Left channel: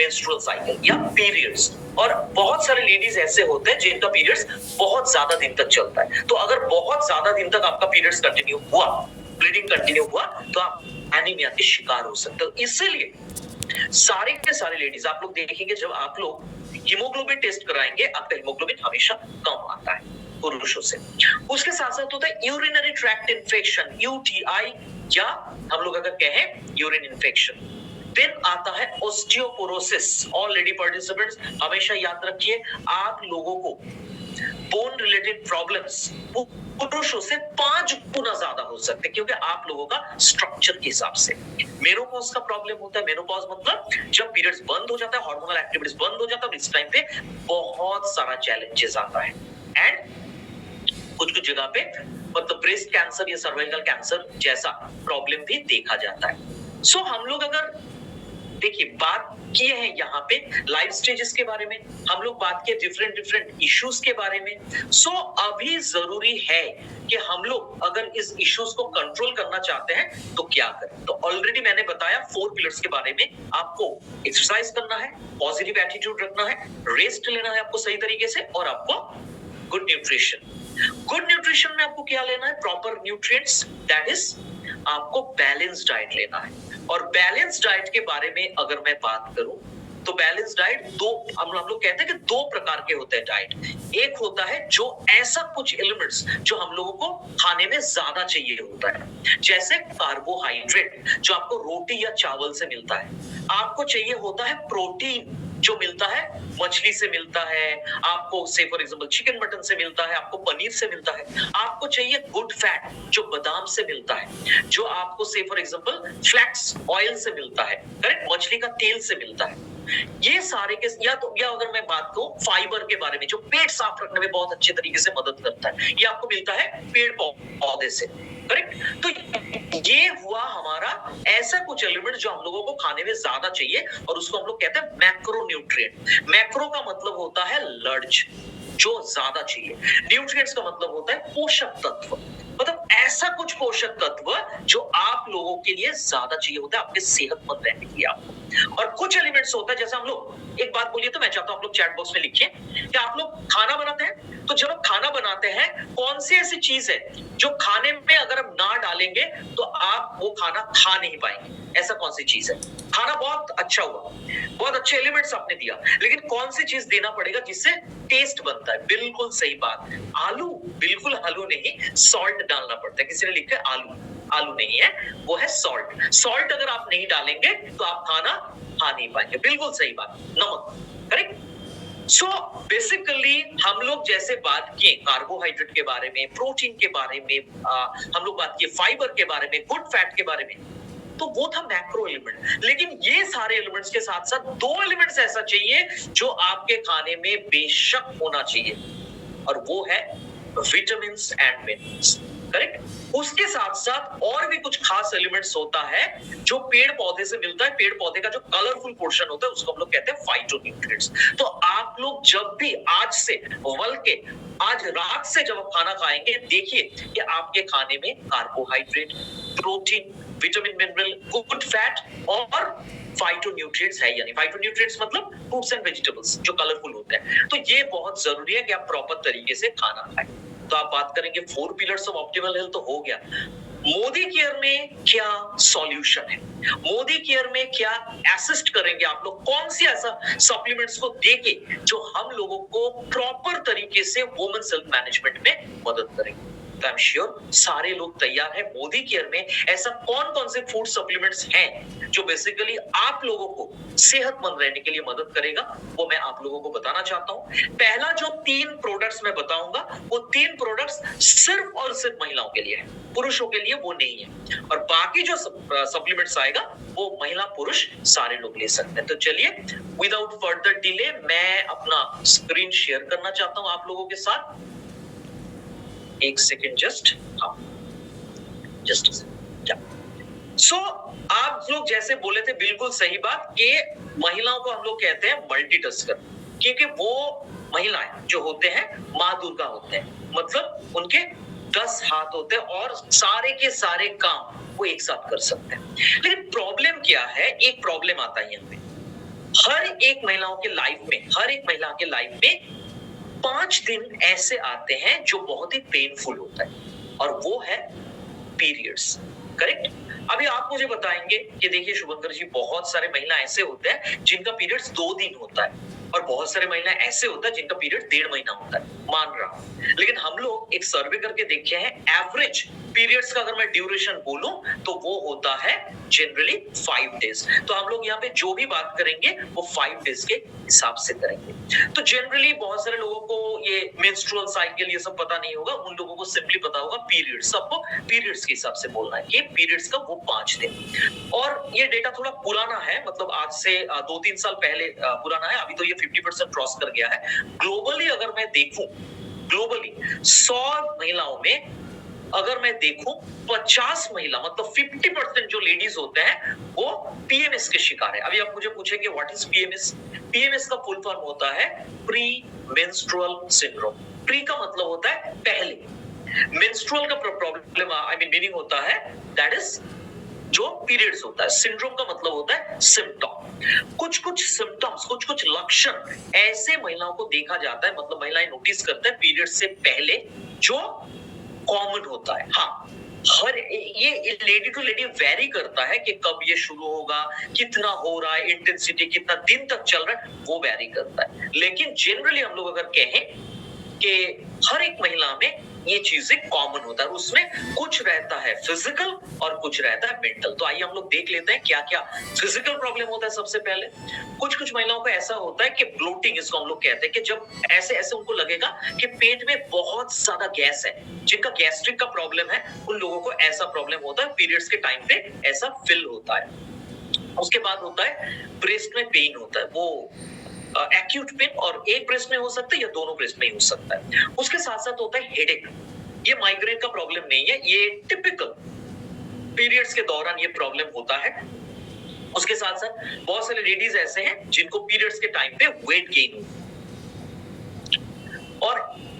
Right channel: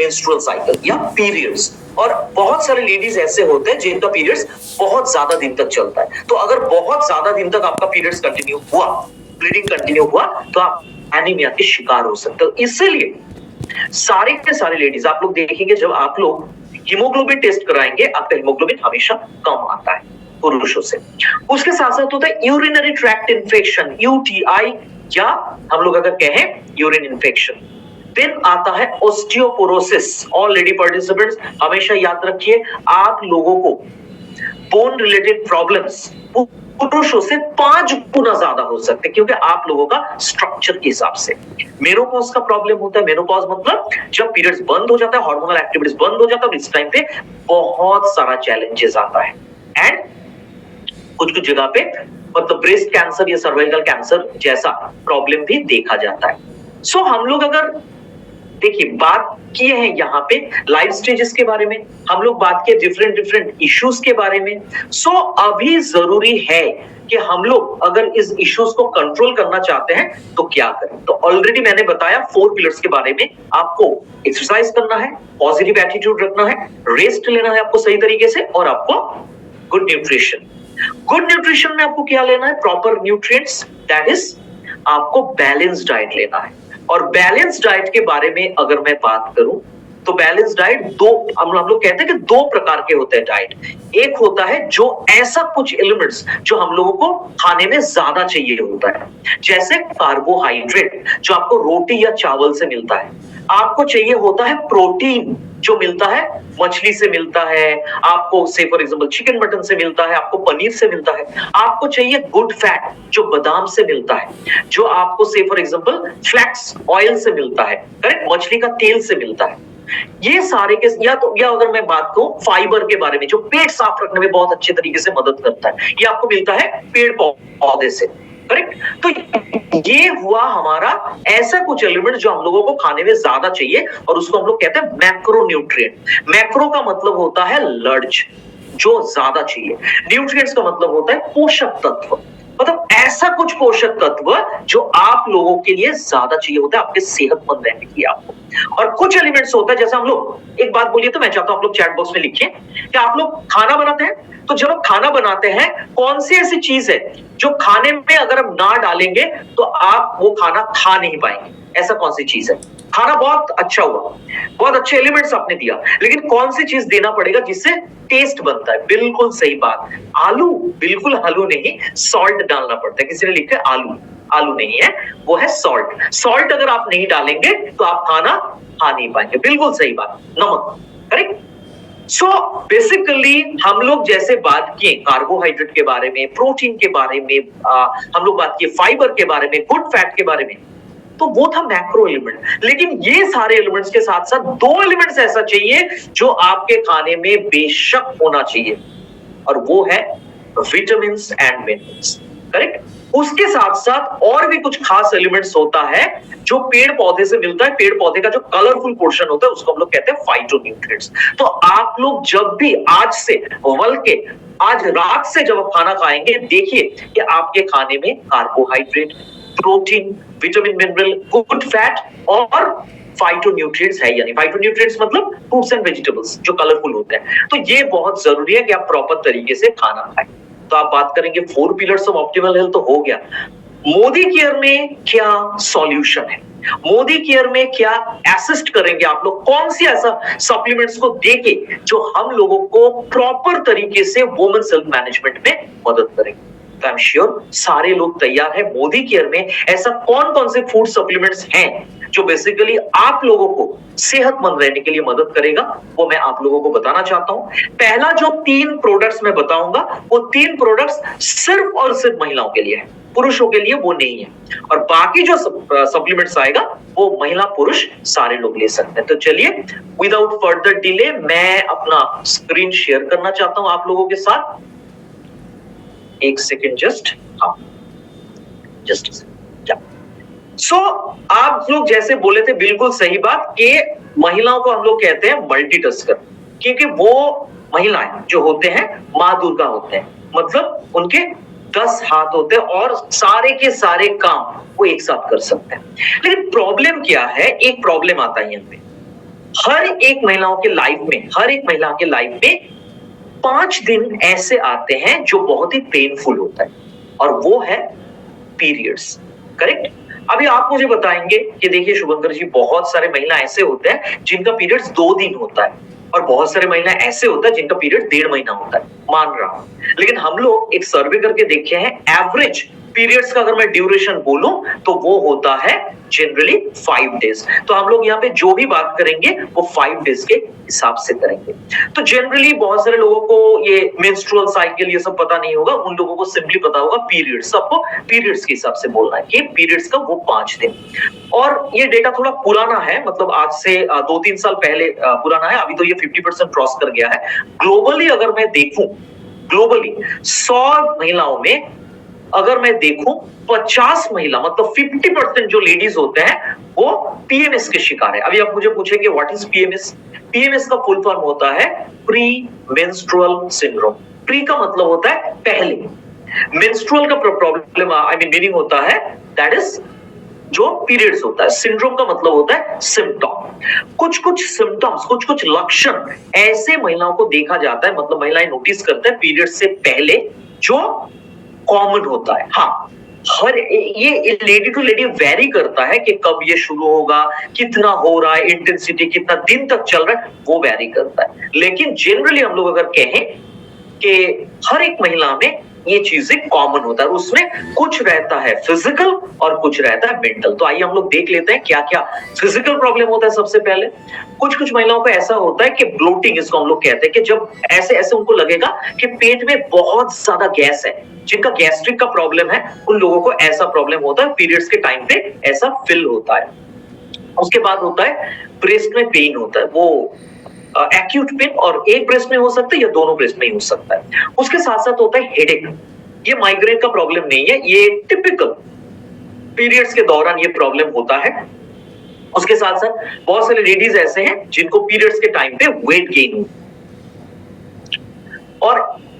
Menstrual cycle या periods. और बहुत सारे लेडीज ऐसे होते हैं जिनका पीरियड्स बहुत ज्यादा दिन तक चलता है। तो अगर बहुत ज्यादा दिन तक आपका पीरियड्स कंटिन्यू हुआ, ब्लीडिंग कंटिन्यू हुआ, तो आप एनीमिया के शिकार हो सकते हो। इसलिए सारे के सारे लेडीज, आप लोग देखेंगे जब आप लोग हीमोग्लोबिन टेस्ट कराएंगे, आपका हीमोग्लोबिन हमेशा कम आता है पुरुषों से। उसके साथ साथ होता है यूरिनरी ट्रैक्ट इन्फेक्शन, यूटीआई, या हम लोग अगर कहें यूरिन इन्फेक्शन। फिर आता है ऑस्टियोपोरोसिस। ऑल लेडी पार्टिसिपेंट्स हमेशा याद रखिए, आप लोगों को बोन रिलेटेड प्रॉब्लम्स पुरुषों से 5 गुना ज्यादा हो सकते हैं, क्योंकि आप लोगों का स्ट्रक्चर के हिसाब से। मेनोपॉज का प्रॉब्लम होता है। मेनोपॉज मतलब जब पीरियड्स बंद हो जाता है, हार्मोनल एक्टिविटीज बंद हो जाता है, इस टाइम पे बहुत सारा चैलेंजेस आता है। एंड कुछ कुछ जगह पे मतलब ब्रेस्ट कैंसर या सर्वाइकल कैंसर जैसा प्रॉब्लम भी देखा जाता है। सो हम लोग अगर देखिए बात किए हैं यहाँ पे लाइफ स्टेजेस के बारे में, हम लोग बात किए डिफरेंट इश्यूज के बारे में। सो अभी जरूरी है कि हम लोग अगर इस इश्यूज को कंट्रोल करना चाहते हैं तो क्या करें। तो ऑलरेडी मैंने बताया 4 पिलर्स के बारे में। आपको एक्सरसाइज करना है, पॉजिटिव एटीट्यूड रखना है, रेस्ट लेना है आपको सही तरीके से, और आपको गुड न्यूट्रिशन। गुड न्यूट्रिशन में आपको क्या लेना है? प्रॉपर न्यूट्रिएंट्स, दैट इज आपको बैलेंस डाइट लेना है। और बैलेंस डाइट के बारे में अगर मैं बात करूं तो बैलेंस डाइट हम लोग कहते हैं कि 2 प्रकार के होते हैं डाइट। एक होता है जो ऐसा कुछ एलिमेंट्स जो हम लोगों को खाने में ज्यादा चाहिए होता है, जैसे कार्बोहाइड्रेट जो आपको रोटी या चावल से मिलता है। आपको चाहिए होता है प्रोटीन जो मिलता है मछली से मिलता है, आपको से फॉर एग्जांपल चिकन मटन से मिलता है, आपको पनीर से मिलता है। आपको चाहिए गुड फैट जो बादाम से मिलता है, जो आपको से फॉर एग्जांपल फ्लैक्स ऑयल से मिलता है, करेक्ट, मछली का तेल से मिलता है। ये सारे के या अगर मैं बात करूं फाइबर के बारे में जो पेट साफ रखने में बहुत अच्छे तरीके से मदद करता है, ये आपको मिलता है पेड़ पौधे से, करेक्ट। तो ये हुआ हमारा ऐसा कुछ एलिमेंट जो हम लोगों को खाने में ज्यादा चाहिए, और उसको हम लोग कहते हैं मैक्रोन्यूट्रिएंट। मैक्रो का मतलब होता है लार्ज, जो ज्यादा चाहिए। न्यूट्रिएंट्स का मतलब होता है पोषक तत्व, मतलब ऐसा कुछ पोषक तत्व जो आप लोगों के लिए ज्यादा चाहिए होता है आपके सेहतमंद रहने के लिए आपको। और कुछ एलिमेंट्स होता है, जैसे हम लोग एक बात बोलिए तो मैं चाहता हूं आप लोग चैट बॉक्स में लिखिए कि आप लोग खाना बनाते हैं, तो जब आप खाना बनाते हैं कौन सी ऐसी चीज है जो खाने में अगर हम ना डालेंगे तो आप वो खाना खा नहीं पाएंगे? ऐसा कौन सी चीज है? खाना बहुत अच्छा हुआ, बहुत अच्छे एलिमेंट्स आपने दिया, लेकिन कौन सी चीज देना पड़ेगा जिससे टेस्ट बनता है? बिल्कुल सही बात, आलू। बिल्कुल आलू नहीं, सॉल्ट डालना पड़ता है। किसी ने लिखा है आलू, आलू नहीं है, वो है सॉल्ट। सॉल्ट अगर आप नहीं डालेंगे तो आप खाना खा नहीं पाएंगे। बिल्कुल सही बात, नमक, करेक्ट। सो बेसिकली हम लोग जैसे बात किए कार्बोहाइड्रेट के बारे में, प्रोटीन के बारे में, हम लोग बात किए फाइबर के बारे में, गुड फैट के बारे में, तो वो था मैक्रो एलिमेंट। लेकिन ये सारे एलिमेंट्स के साथ साथ 2 एलिमेंट्स ऐसा चाहिए जो आपके खाने में बेशक होना चाहिए, और वो है विटामिन एंड मिनरल्स, करेक्ट। उसके साथ साथ और भी कुछ खास एलिमेंट्स होता है जो पेड़ पौधे से मिलता है। पेड़ पौधे का जो कलरफुल पोर्शन होता है उसको हम लोग कहते हैं फाइटोन्यूट्रिएंट्स। तो आप लोग जब भी आज से बल्कि आज रात से जब आप खाना खाएंगे, देखिए कि आपके खाने में carbohydrate, protein, vitamin, mineral, good fat और फाइटोन्यूट्रिएंट्स है या नहीं। फाइटोन्यूट्रिएंट्स मतलब फ्रूट्स एंड वेजिटेबल्स जो कलरफुल होते हैं। तो ये बहुत जरूरी है कि आप प्रॉपर तरीके से खाना खाएं। तो आप बात करेंगे 4 पिलर्स ऑफ ऑप्टिमल हेल्थ, तो हो गया। मोदी केयर में क्या सॉल्यूशन है? मोदी केयर में क्या असिस्ट करेंगे आप लोग? कौन सी ऐसा सप्लीमेंट्स को देके जो हम लोगों को प्रॉपर तरीके से वुमेन्स हेल्थ मैनेजमेंट में मदद करेंगे? आई एम श्योर सारे लोग तैयार हैं। मोदी केयर में ऐसा कौन कौन से फूड सप्लीमेंट्स हैं जो बेसिकली आप लोगों को सेहतमंद रहने के लिए मदद करेगा, वो मैं आप लोगों को बताना चाहता हूं। पहला जो 3 प्रोडक्ट्स मैं बताऊंगा, वो 3 प्रोडक्ट्स सिर्फ और सिर्फ महिलाओं के लिए है, पुरुषों के लिए वो नहीं है। और बाकी जो सप्लीमेंट्स आएगा वो महिला पुरुष सारे लोग ले सकते हैं। तो चलिए विदाउट फर्दर डिले मैं अपना स्क्रीन शेयर करना चाहता हूं आप लोगों के साथ। एक सेकेंड जस्ट, हाँ जस्ट सो आप लोग जैसे बोले थे बिल्कुल सही बात कि महिलाओं को हम लोग कहते हैं मल्टीटास्कर, क्योंकि वो महिलाएं जो होते हैं मां दुर्गा होते हैं, मतलब उनके 10 हाथ होते हैं और सारे के सारे काम वो एक साथ कर सकते हैं। लेकिन प्रॉब्लम क्या है? एक प्रॉब्लम आता है यहाँ पे हर एक महिलाओं के लाइफ में, हर एक महिला के लाइफ में 5 दिन ऐसे आते हैं जो बहुत ही पेनफुल होता है, और वो है पीरियड्स। करेक्ट? अभी आप मुझे बताएंगे कि देखिए शुभंकर जी, बहुत सारे महिला ऐसे होते हैं जिनका पीरियड्स 2 दिन होता है, और बहुत सारे महिला ऐसे होता है जिनका पीरियड 1.5 महीना होता है, मान रहा हूं। लेकिन हम लोग एक सर्वे करके देखे हैं, एवरेज पीरियड्स का अगर मैं ड्यूरेशन बोलूं तो वो होता है जनरली 5 डेज। तो हम लोग यहाँ पे जो भी बात करेंगे वो 5 डेज के हिसाब से करेंगे। तो जनरली बहुत सारे लोगों को ये मेंस्ट्रुअल साइकिल ये सब पता नहीं होगा, उन लोगों को सिंपली पता होगा पीरियड्स। सबको पीरियड्स के हिसाब से बोलना है कि पीरियड्स का वो 5 दिन। और ये डेटा थोड़ा पुराना है, मतलब आज से 2-3 साल पहले पुराना है, अभी तो ये 50% क्रॉस कर गया है। ग्लोबली अगर मैं देखूं, ग्लोबली 100 महिलाओं में अगर मैं देखूं 50 महिला, मतलब 50% जो लेडीज होते हैं वो पीएमएस के शिकार है। अभी आप मुझे पूछेंगे व्हाट इज पीएमएस? पीएमएस का फुल फॉर्म होता है प्री मेंस्ट्रुअल सिंड्रोम। प्री का मतलब होता है पहले, मेंस्ट्रुअल का प्रॉब्लम आई मीन मीनिंग होता है दैट इज जो पीरियड्स होता है, सिंड्रोम का मतलब होता है सिम्टम। कुछ कुछ सिम्टम्स, कुछ कुछ लक्षण ऐसे महिलाओं को देखा जाता है, मतलब महिलाएं नोटिस करते हैं पीरियड्स से पहले जो कॉमन होता है। हाँ, हर ये लेडी टू लेडी वेरी करता है कि कब ये शुरू होगा, कितना हो रहा है, इंटेंसिटी कितना दिन तक चल रहा है, वो वेरी करता है। लेकिन जनरली हम लोग अगर कहें कि हर एक महिला में ये चीजें कॉमन होता है, उसमें कुछ रहता है फिजिकल और कुछ रहता है मेंटल। तो आइए हम लोग देख लेते हैं क्या क्या फिजिकल प्रॉब्लम होता है। सबसे पहले कुछ कुछ महिलाओं को ऐसा होता है कि ब्लोटिंग, इसको हम लोग कहते हैं, कि जब ऐसे ऐसे उनको लगेगा कि पेट में बहुत ज्यादा गैस है, जिनका गैस्ट्रिक का प्रॉब्लम है उन लोगों को ऐसा प्रॉब्लम होता है, पीरियड्स के टाइम पे ऐसा फील होता है। उसके बाद होता है ब्रेस्ट में पेन होता है, वो एक्यूट पेन, और एक ब्रेस्ट में हो सकता है या दोनों ब्रेस्ट में ही हो सकता है। उसके साथ साथ होता है हेडेक। ये माइग्रेन का प्रॉब्लम नहीं है, ये टिपिकल पीरियड्स के दौरान ये प्रॉब्लम होता है। उसके साथ साथ बहुत सारे लेडीज ऐसे हैं जिनको पीरियड्स के टाइम पे वेट गेन हो। और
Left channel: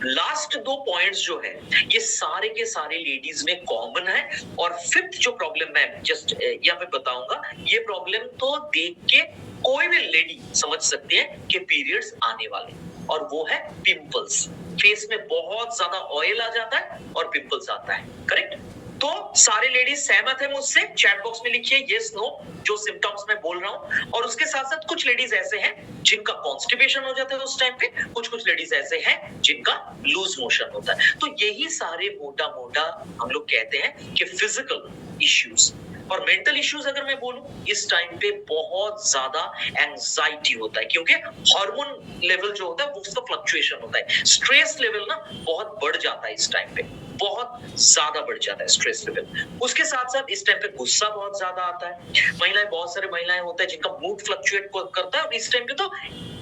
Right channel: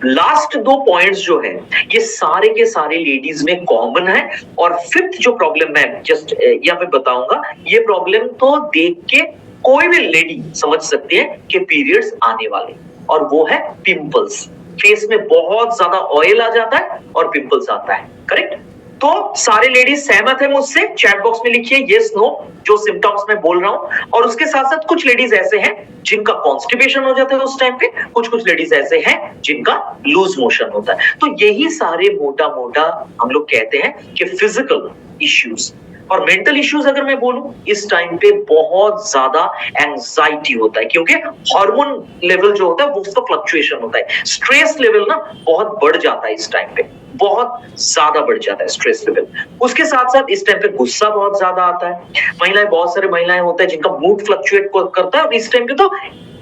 लास्ट 2 पॉइंट्स जो है ये सारे के सारे लेडीज में कॉमन है। और फिफ्थ जो प्रॉब्लम मैं जस्ट यहाँ पे बताऊंगा, ये प्रॉब्लम तो देख के कोई भी लेडी समझ सकती है कि पीरियड्स आने वाले, और वो है पिंपल्स। फेस में बहुत ज्यादा ऑयल आ जाता है और पिंपल्स आता है। करेक्ट? तो सारे लेडीज सहमत है मुझसे? चैट बॉक्स में लिखिए यस नो जो सिम्टम्स मैं बोल रहा हूं। और उसके साथ साथ कुछ लेडीज ऐसे हैं जिनका कॉन्स्टिपेशन हो जाता है उस टाइम पे, कुछ कुछ लेडीज ऐसे हैं जिनका लूज मोशन होता है। तो यही सारे मोटा मोटा हम लोग कहते हैं कि फिजिकल इश्यूज। और मेंटल इश्यूज अगर मैं बोलूं, इस टाइम पे बहुत ज्यादा एंजाइटी होता है, क्योंकि हार्मोन लेवल जो होता है वो उसका फ्लक्चुएशन होता है। स्ट्रेस लेवल ना बहुत बढ़ जाता है इस टाइम पे, बहुत ज्यादा बढ़ जाता है स्ट्रेस लेवल। उसके साथ साथ इस टाइम पे गुस्सा बहुत ज्यादा आता है। महिलाएं, बहुत सारे महिलाएं होते हैं जिनका मूड फ्लक्चुएट करता है, और इस टाइम पे तो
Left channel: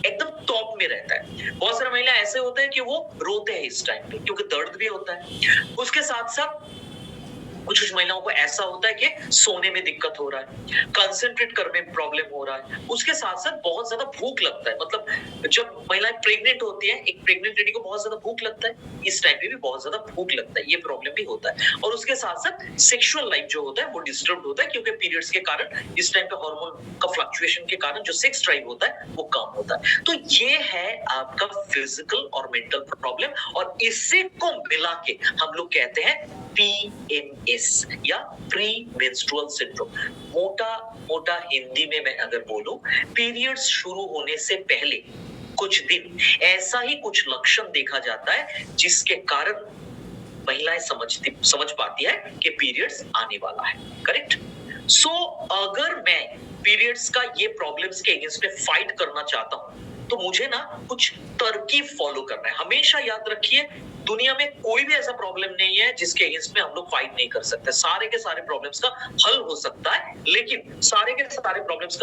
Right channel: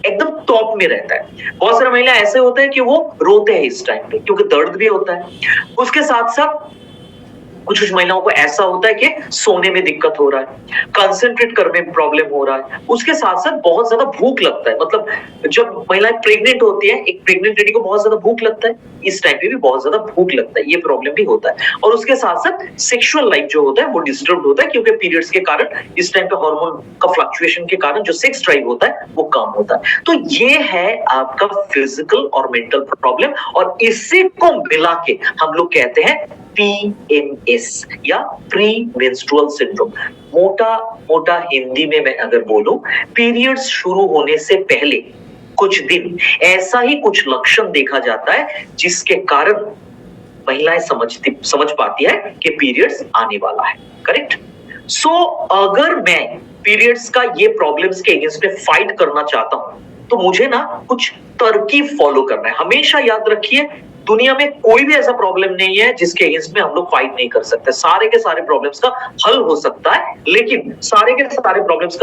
एकदम टॉप में रहता है। बहुत सारे महिला ऐसे होते हैं कि वो रोते हैं इस टाइम पे, क्योंकि दर्द भी होता है। उसके साथ साथ कुछ कुछ महिलाओं को ऐसा होता है कि सोने में दिक्कत हो रहा है, कंसंट्रेट करने में प्रॉब्लम हो रहा है। उसके साथ साथ बहुत ज्यादा भूख लगता है, मतलब जब महिलाएं प्रेग्नेंट होती है, एक प्रेग्नेंट लेडी को बहुत ज्यादा भूख लगता है, इस टाइम पे भी बहुत ज्यादा भूख लगता है, ये प्रॉब्लम भी होता है। और उसके साथ साथ सेक्सुअल लाइफ जो होता है वो डिस्टर्ब होता है, क्योंकि पीरियड्स के कारण इस टाइम पे हार्मोन का फ्लक्चुएशन के कारण जो सेक्स ड्राइव होता है वो कम होता है। तो ये है आपका फिजिकल और मेंटल प्रॉब्लम, और इसी को मिला के हम लोग कहते हैं PMS या प्री मेंस्ट्रुअल सिंड्रोम। मोटा मोटा हिंदी में मैं अगर बोलूं, पीरियड्स शुरू होने से पहले कुछ दिन ऐसा ही कुछ लक्षण देखा जाता है जिसके कारण महिलाएं समझ पाती है कि पीरियड्स आने वाला है। करेक्ट? सो अगर मैं पीरियड्स का ये प्रॉब्लम्स के अगेंस्ट में फाइट करना चाहता हूं तो मुझे ना कुछ तरकीब फॉलो करना है। हमेशा याद रखिए, दुनिया में कोई भी ऐसा प्रॉब्लम नहीं है जिसके अगेंस्ट में हम लोग फाइट नहीं कर सकते। सारे के सारे प्रॉब्लम्स का हल हो सकता है, लेकिन सारे के सारे प्रॉब्लम्स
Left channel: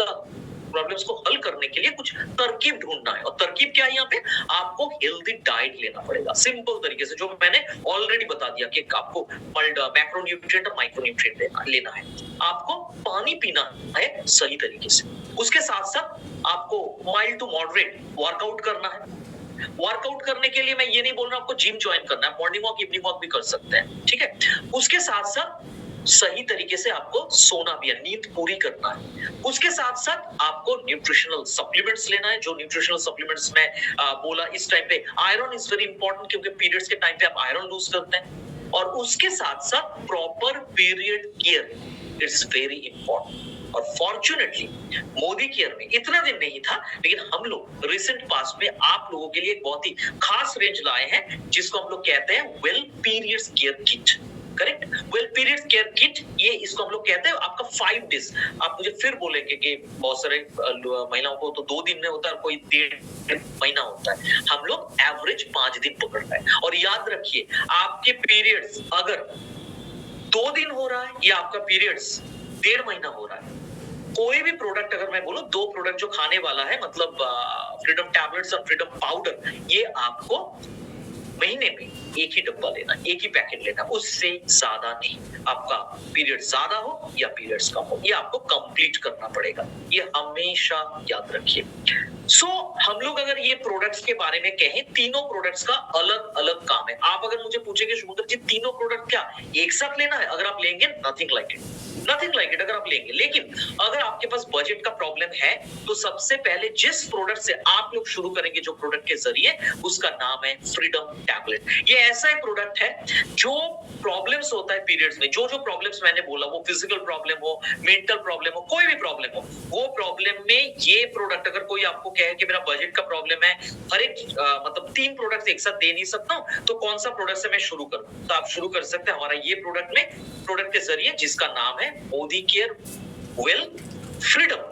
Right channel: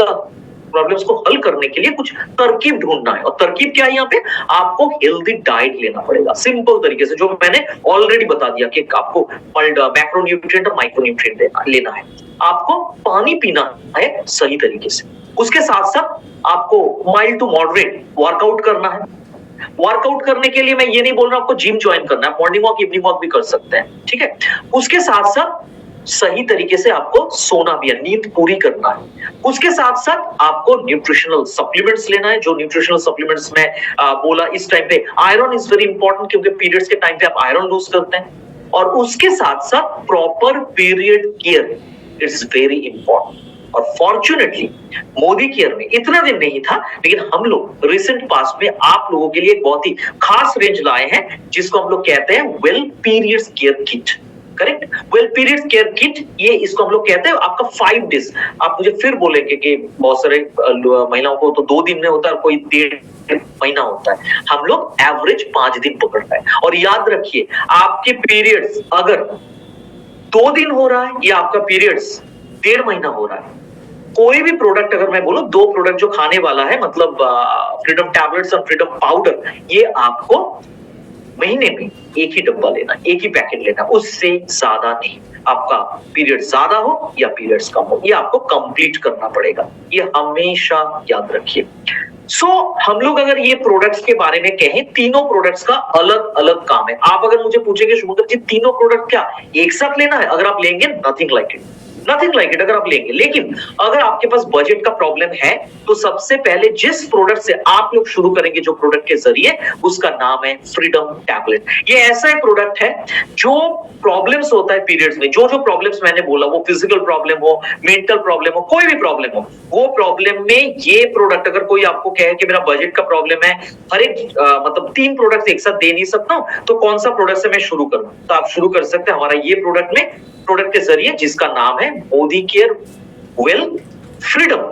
को हल करने के लिए कुछ तरकीब ढूंढना है। और तरकीब क्या है? यहाँ पे आपको हेल्दी डाइट लेना पड़ेगा, सिंपल तरीके से, जो मैंने ऑलरेडी बता दिया कि आपको मैक्रोन्यूट्रिएंट और माइक्रोन्यूट्रिएंट लेना है। आपको पानी पीना है सही तरीके से। उसके साथ साथ आपको माइल्ड टू मॉडरेट वर्कआउट करना है। वर्कआउट करने के लिए मैं ये नहीं बोल रहा आपको जिम ज्वाइन करना है, मॉर्निंग वॉक इवनिंग वॉक भी कर सकते हैं, ठीक है? उसके साथ साथ सही तरीके से आपको सोना भी है, नींद पूरी करना है। उसके साथ साथ आपको न्यूट्रिशनल सप्लीमेंट्स लेना है। जो न्यूट्रिशनल सप्लीमेंट्स में बोला इस टाइम पे आयरन इज वेरी इंपॉर्टेंट, क्योंकि पीरियड्स के टाइम पे आप आयरन लूज करते हैं। और उसके साथ साथ proper period care it's very important. और फॉर्चुनेटली मोदी केयर में इतना दिन नहीं था, लेकिन हम लोग रिसेंट पास्ट में आप लोगों के लिए एक बहुत ही खास रेंज लाए हैं, जिसको हम लोग कहते हैं well periods care kit. Correct, well period care kit, ये इसको हम लोग कहते हैं आपका 5 डेज। आप मुझे फिर बोलेंगे कि बहुत सारे महिलाओं को तो 2 दिन में होता है, कोई 1.5 महीना होता है। हम लोग एवरेज 5 दिन पकड़ता है। और याद रखिए, आपके पीरियड्स अगर 2 दिन हो रहा है या आपका पीरियड्स 1.5 महीना हो रहा है, कोई भी प्रोडक्ट अगर मैं बोलूं, 2 प्रोडक्ट जो खाने वाला है, मतलब फ्रीडम टैबलेट्स और फ्रीडम पाउडर, ये आपको महीने में एक ही डब्बा लेना, एक ही पैकेट लेना, उससे ज्यादा नहीं। आपका पीरियड ज्यादा हो या पीरियड्स कम हो, ये आपको कंप्लीट करना पड़ेगा, ये हमेशा याद रखिए। हम लोग अगर ये प्रोडक्ट्स के बारे में कहें, तीनों प्रोडक्ट्स का अलग अलग काम है। आप अगर मुझे पूछेंगे शुभंकर जी तीनों प्रोडक्ट क्या एक साथ लेना है, अगर आप लेंगे nothing like it, nothing like it अगर आप लेंगे। लेकिन अगर आपके पास बजट का प्रॉब्लम है, तो सबसे पहले जिस प्रोडक्ट से आप लोग शुरू करेंगे, जो प्रोडक्ट के जरिए, उसका नाम है फ्रीडम टैबलेट। ये ऐसा एक प्रोडक्ट है जो प्रॉब्लम्स होता है पीरियड्स में, जो जो प्रॉब्लम्स मैंने बोला, वो फिजिकल प्रॉब्लम हो, मेंटल प्रॉब्लम हो, कोई भी प्रॉब्लम हो, वो प्रॉब्लम में ये प्रोडक्ट, अगर कोई आपको कहे कि मेरा बजट का प्रॉब्लम है, हर एक मतलब 3 प्रोडक्ट एक साथ दे नहीं सकता हूं, तो कौन सा प्रोडक्ट से मैं शुरू करूं, तो आप शुरू कर सकते हैं हमारा ये प्रोडक्ट के जरिए, जिसका नाम है Modi care well freedom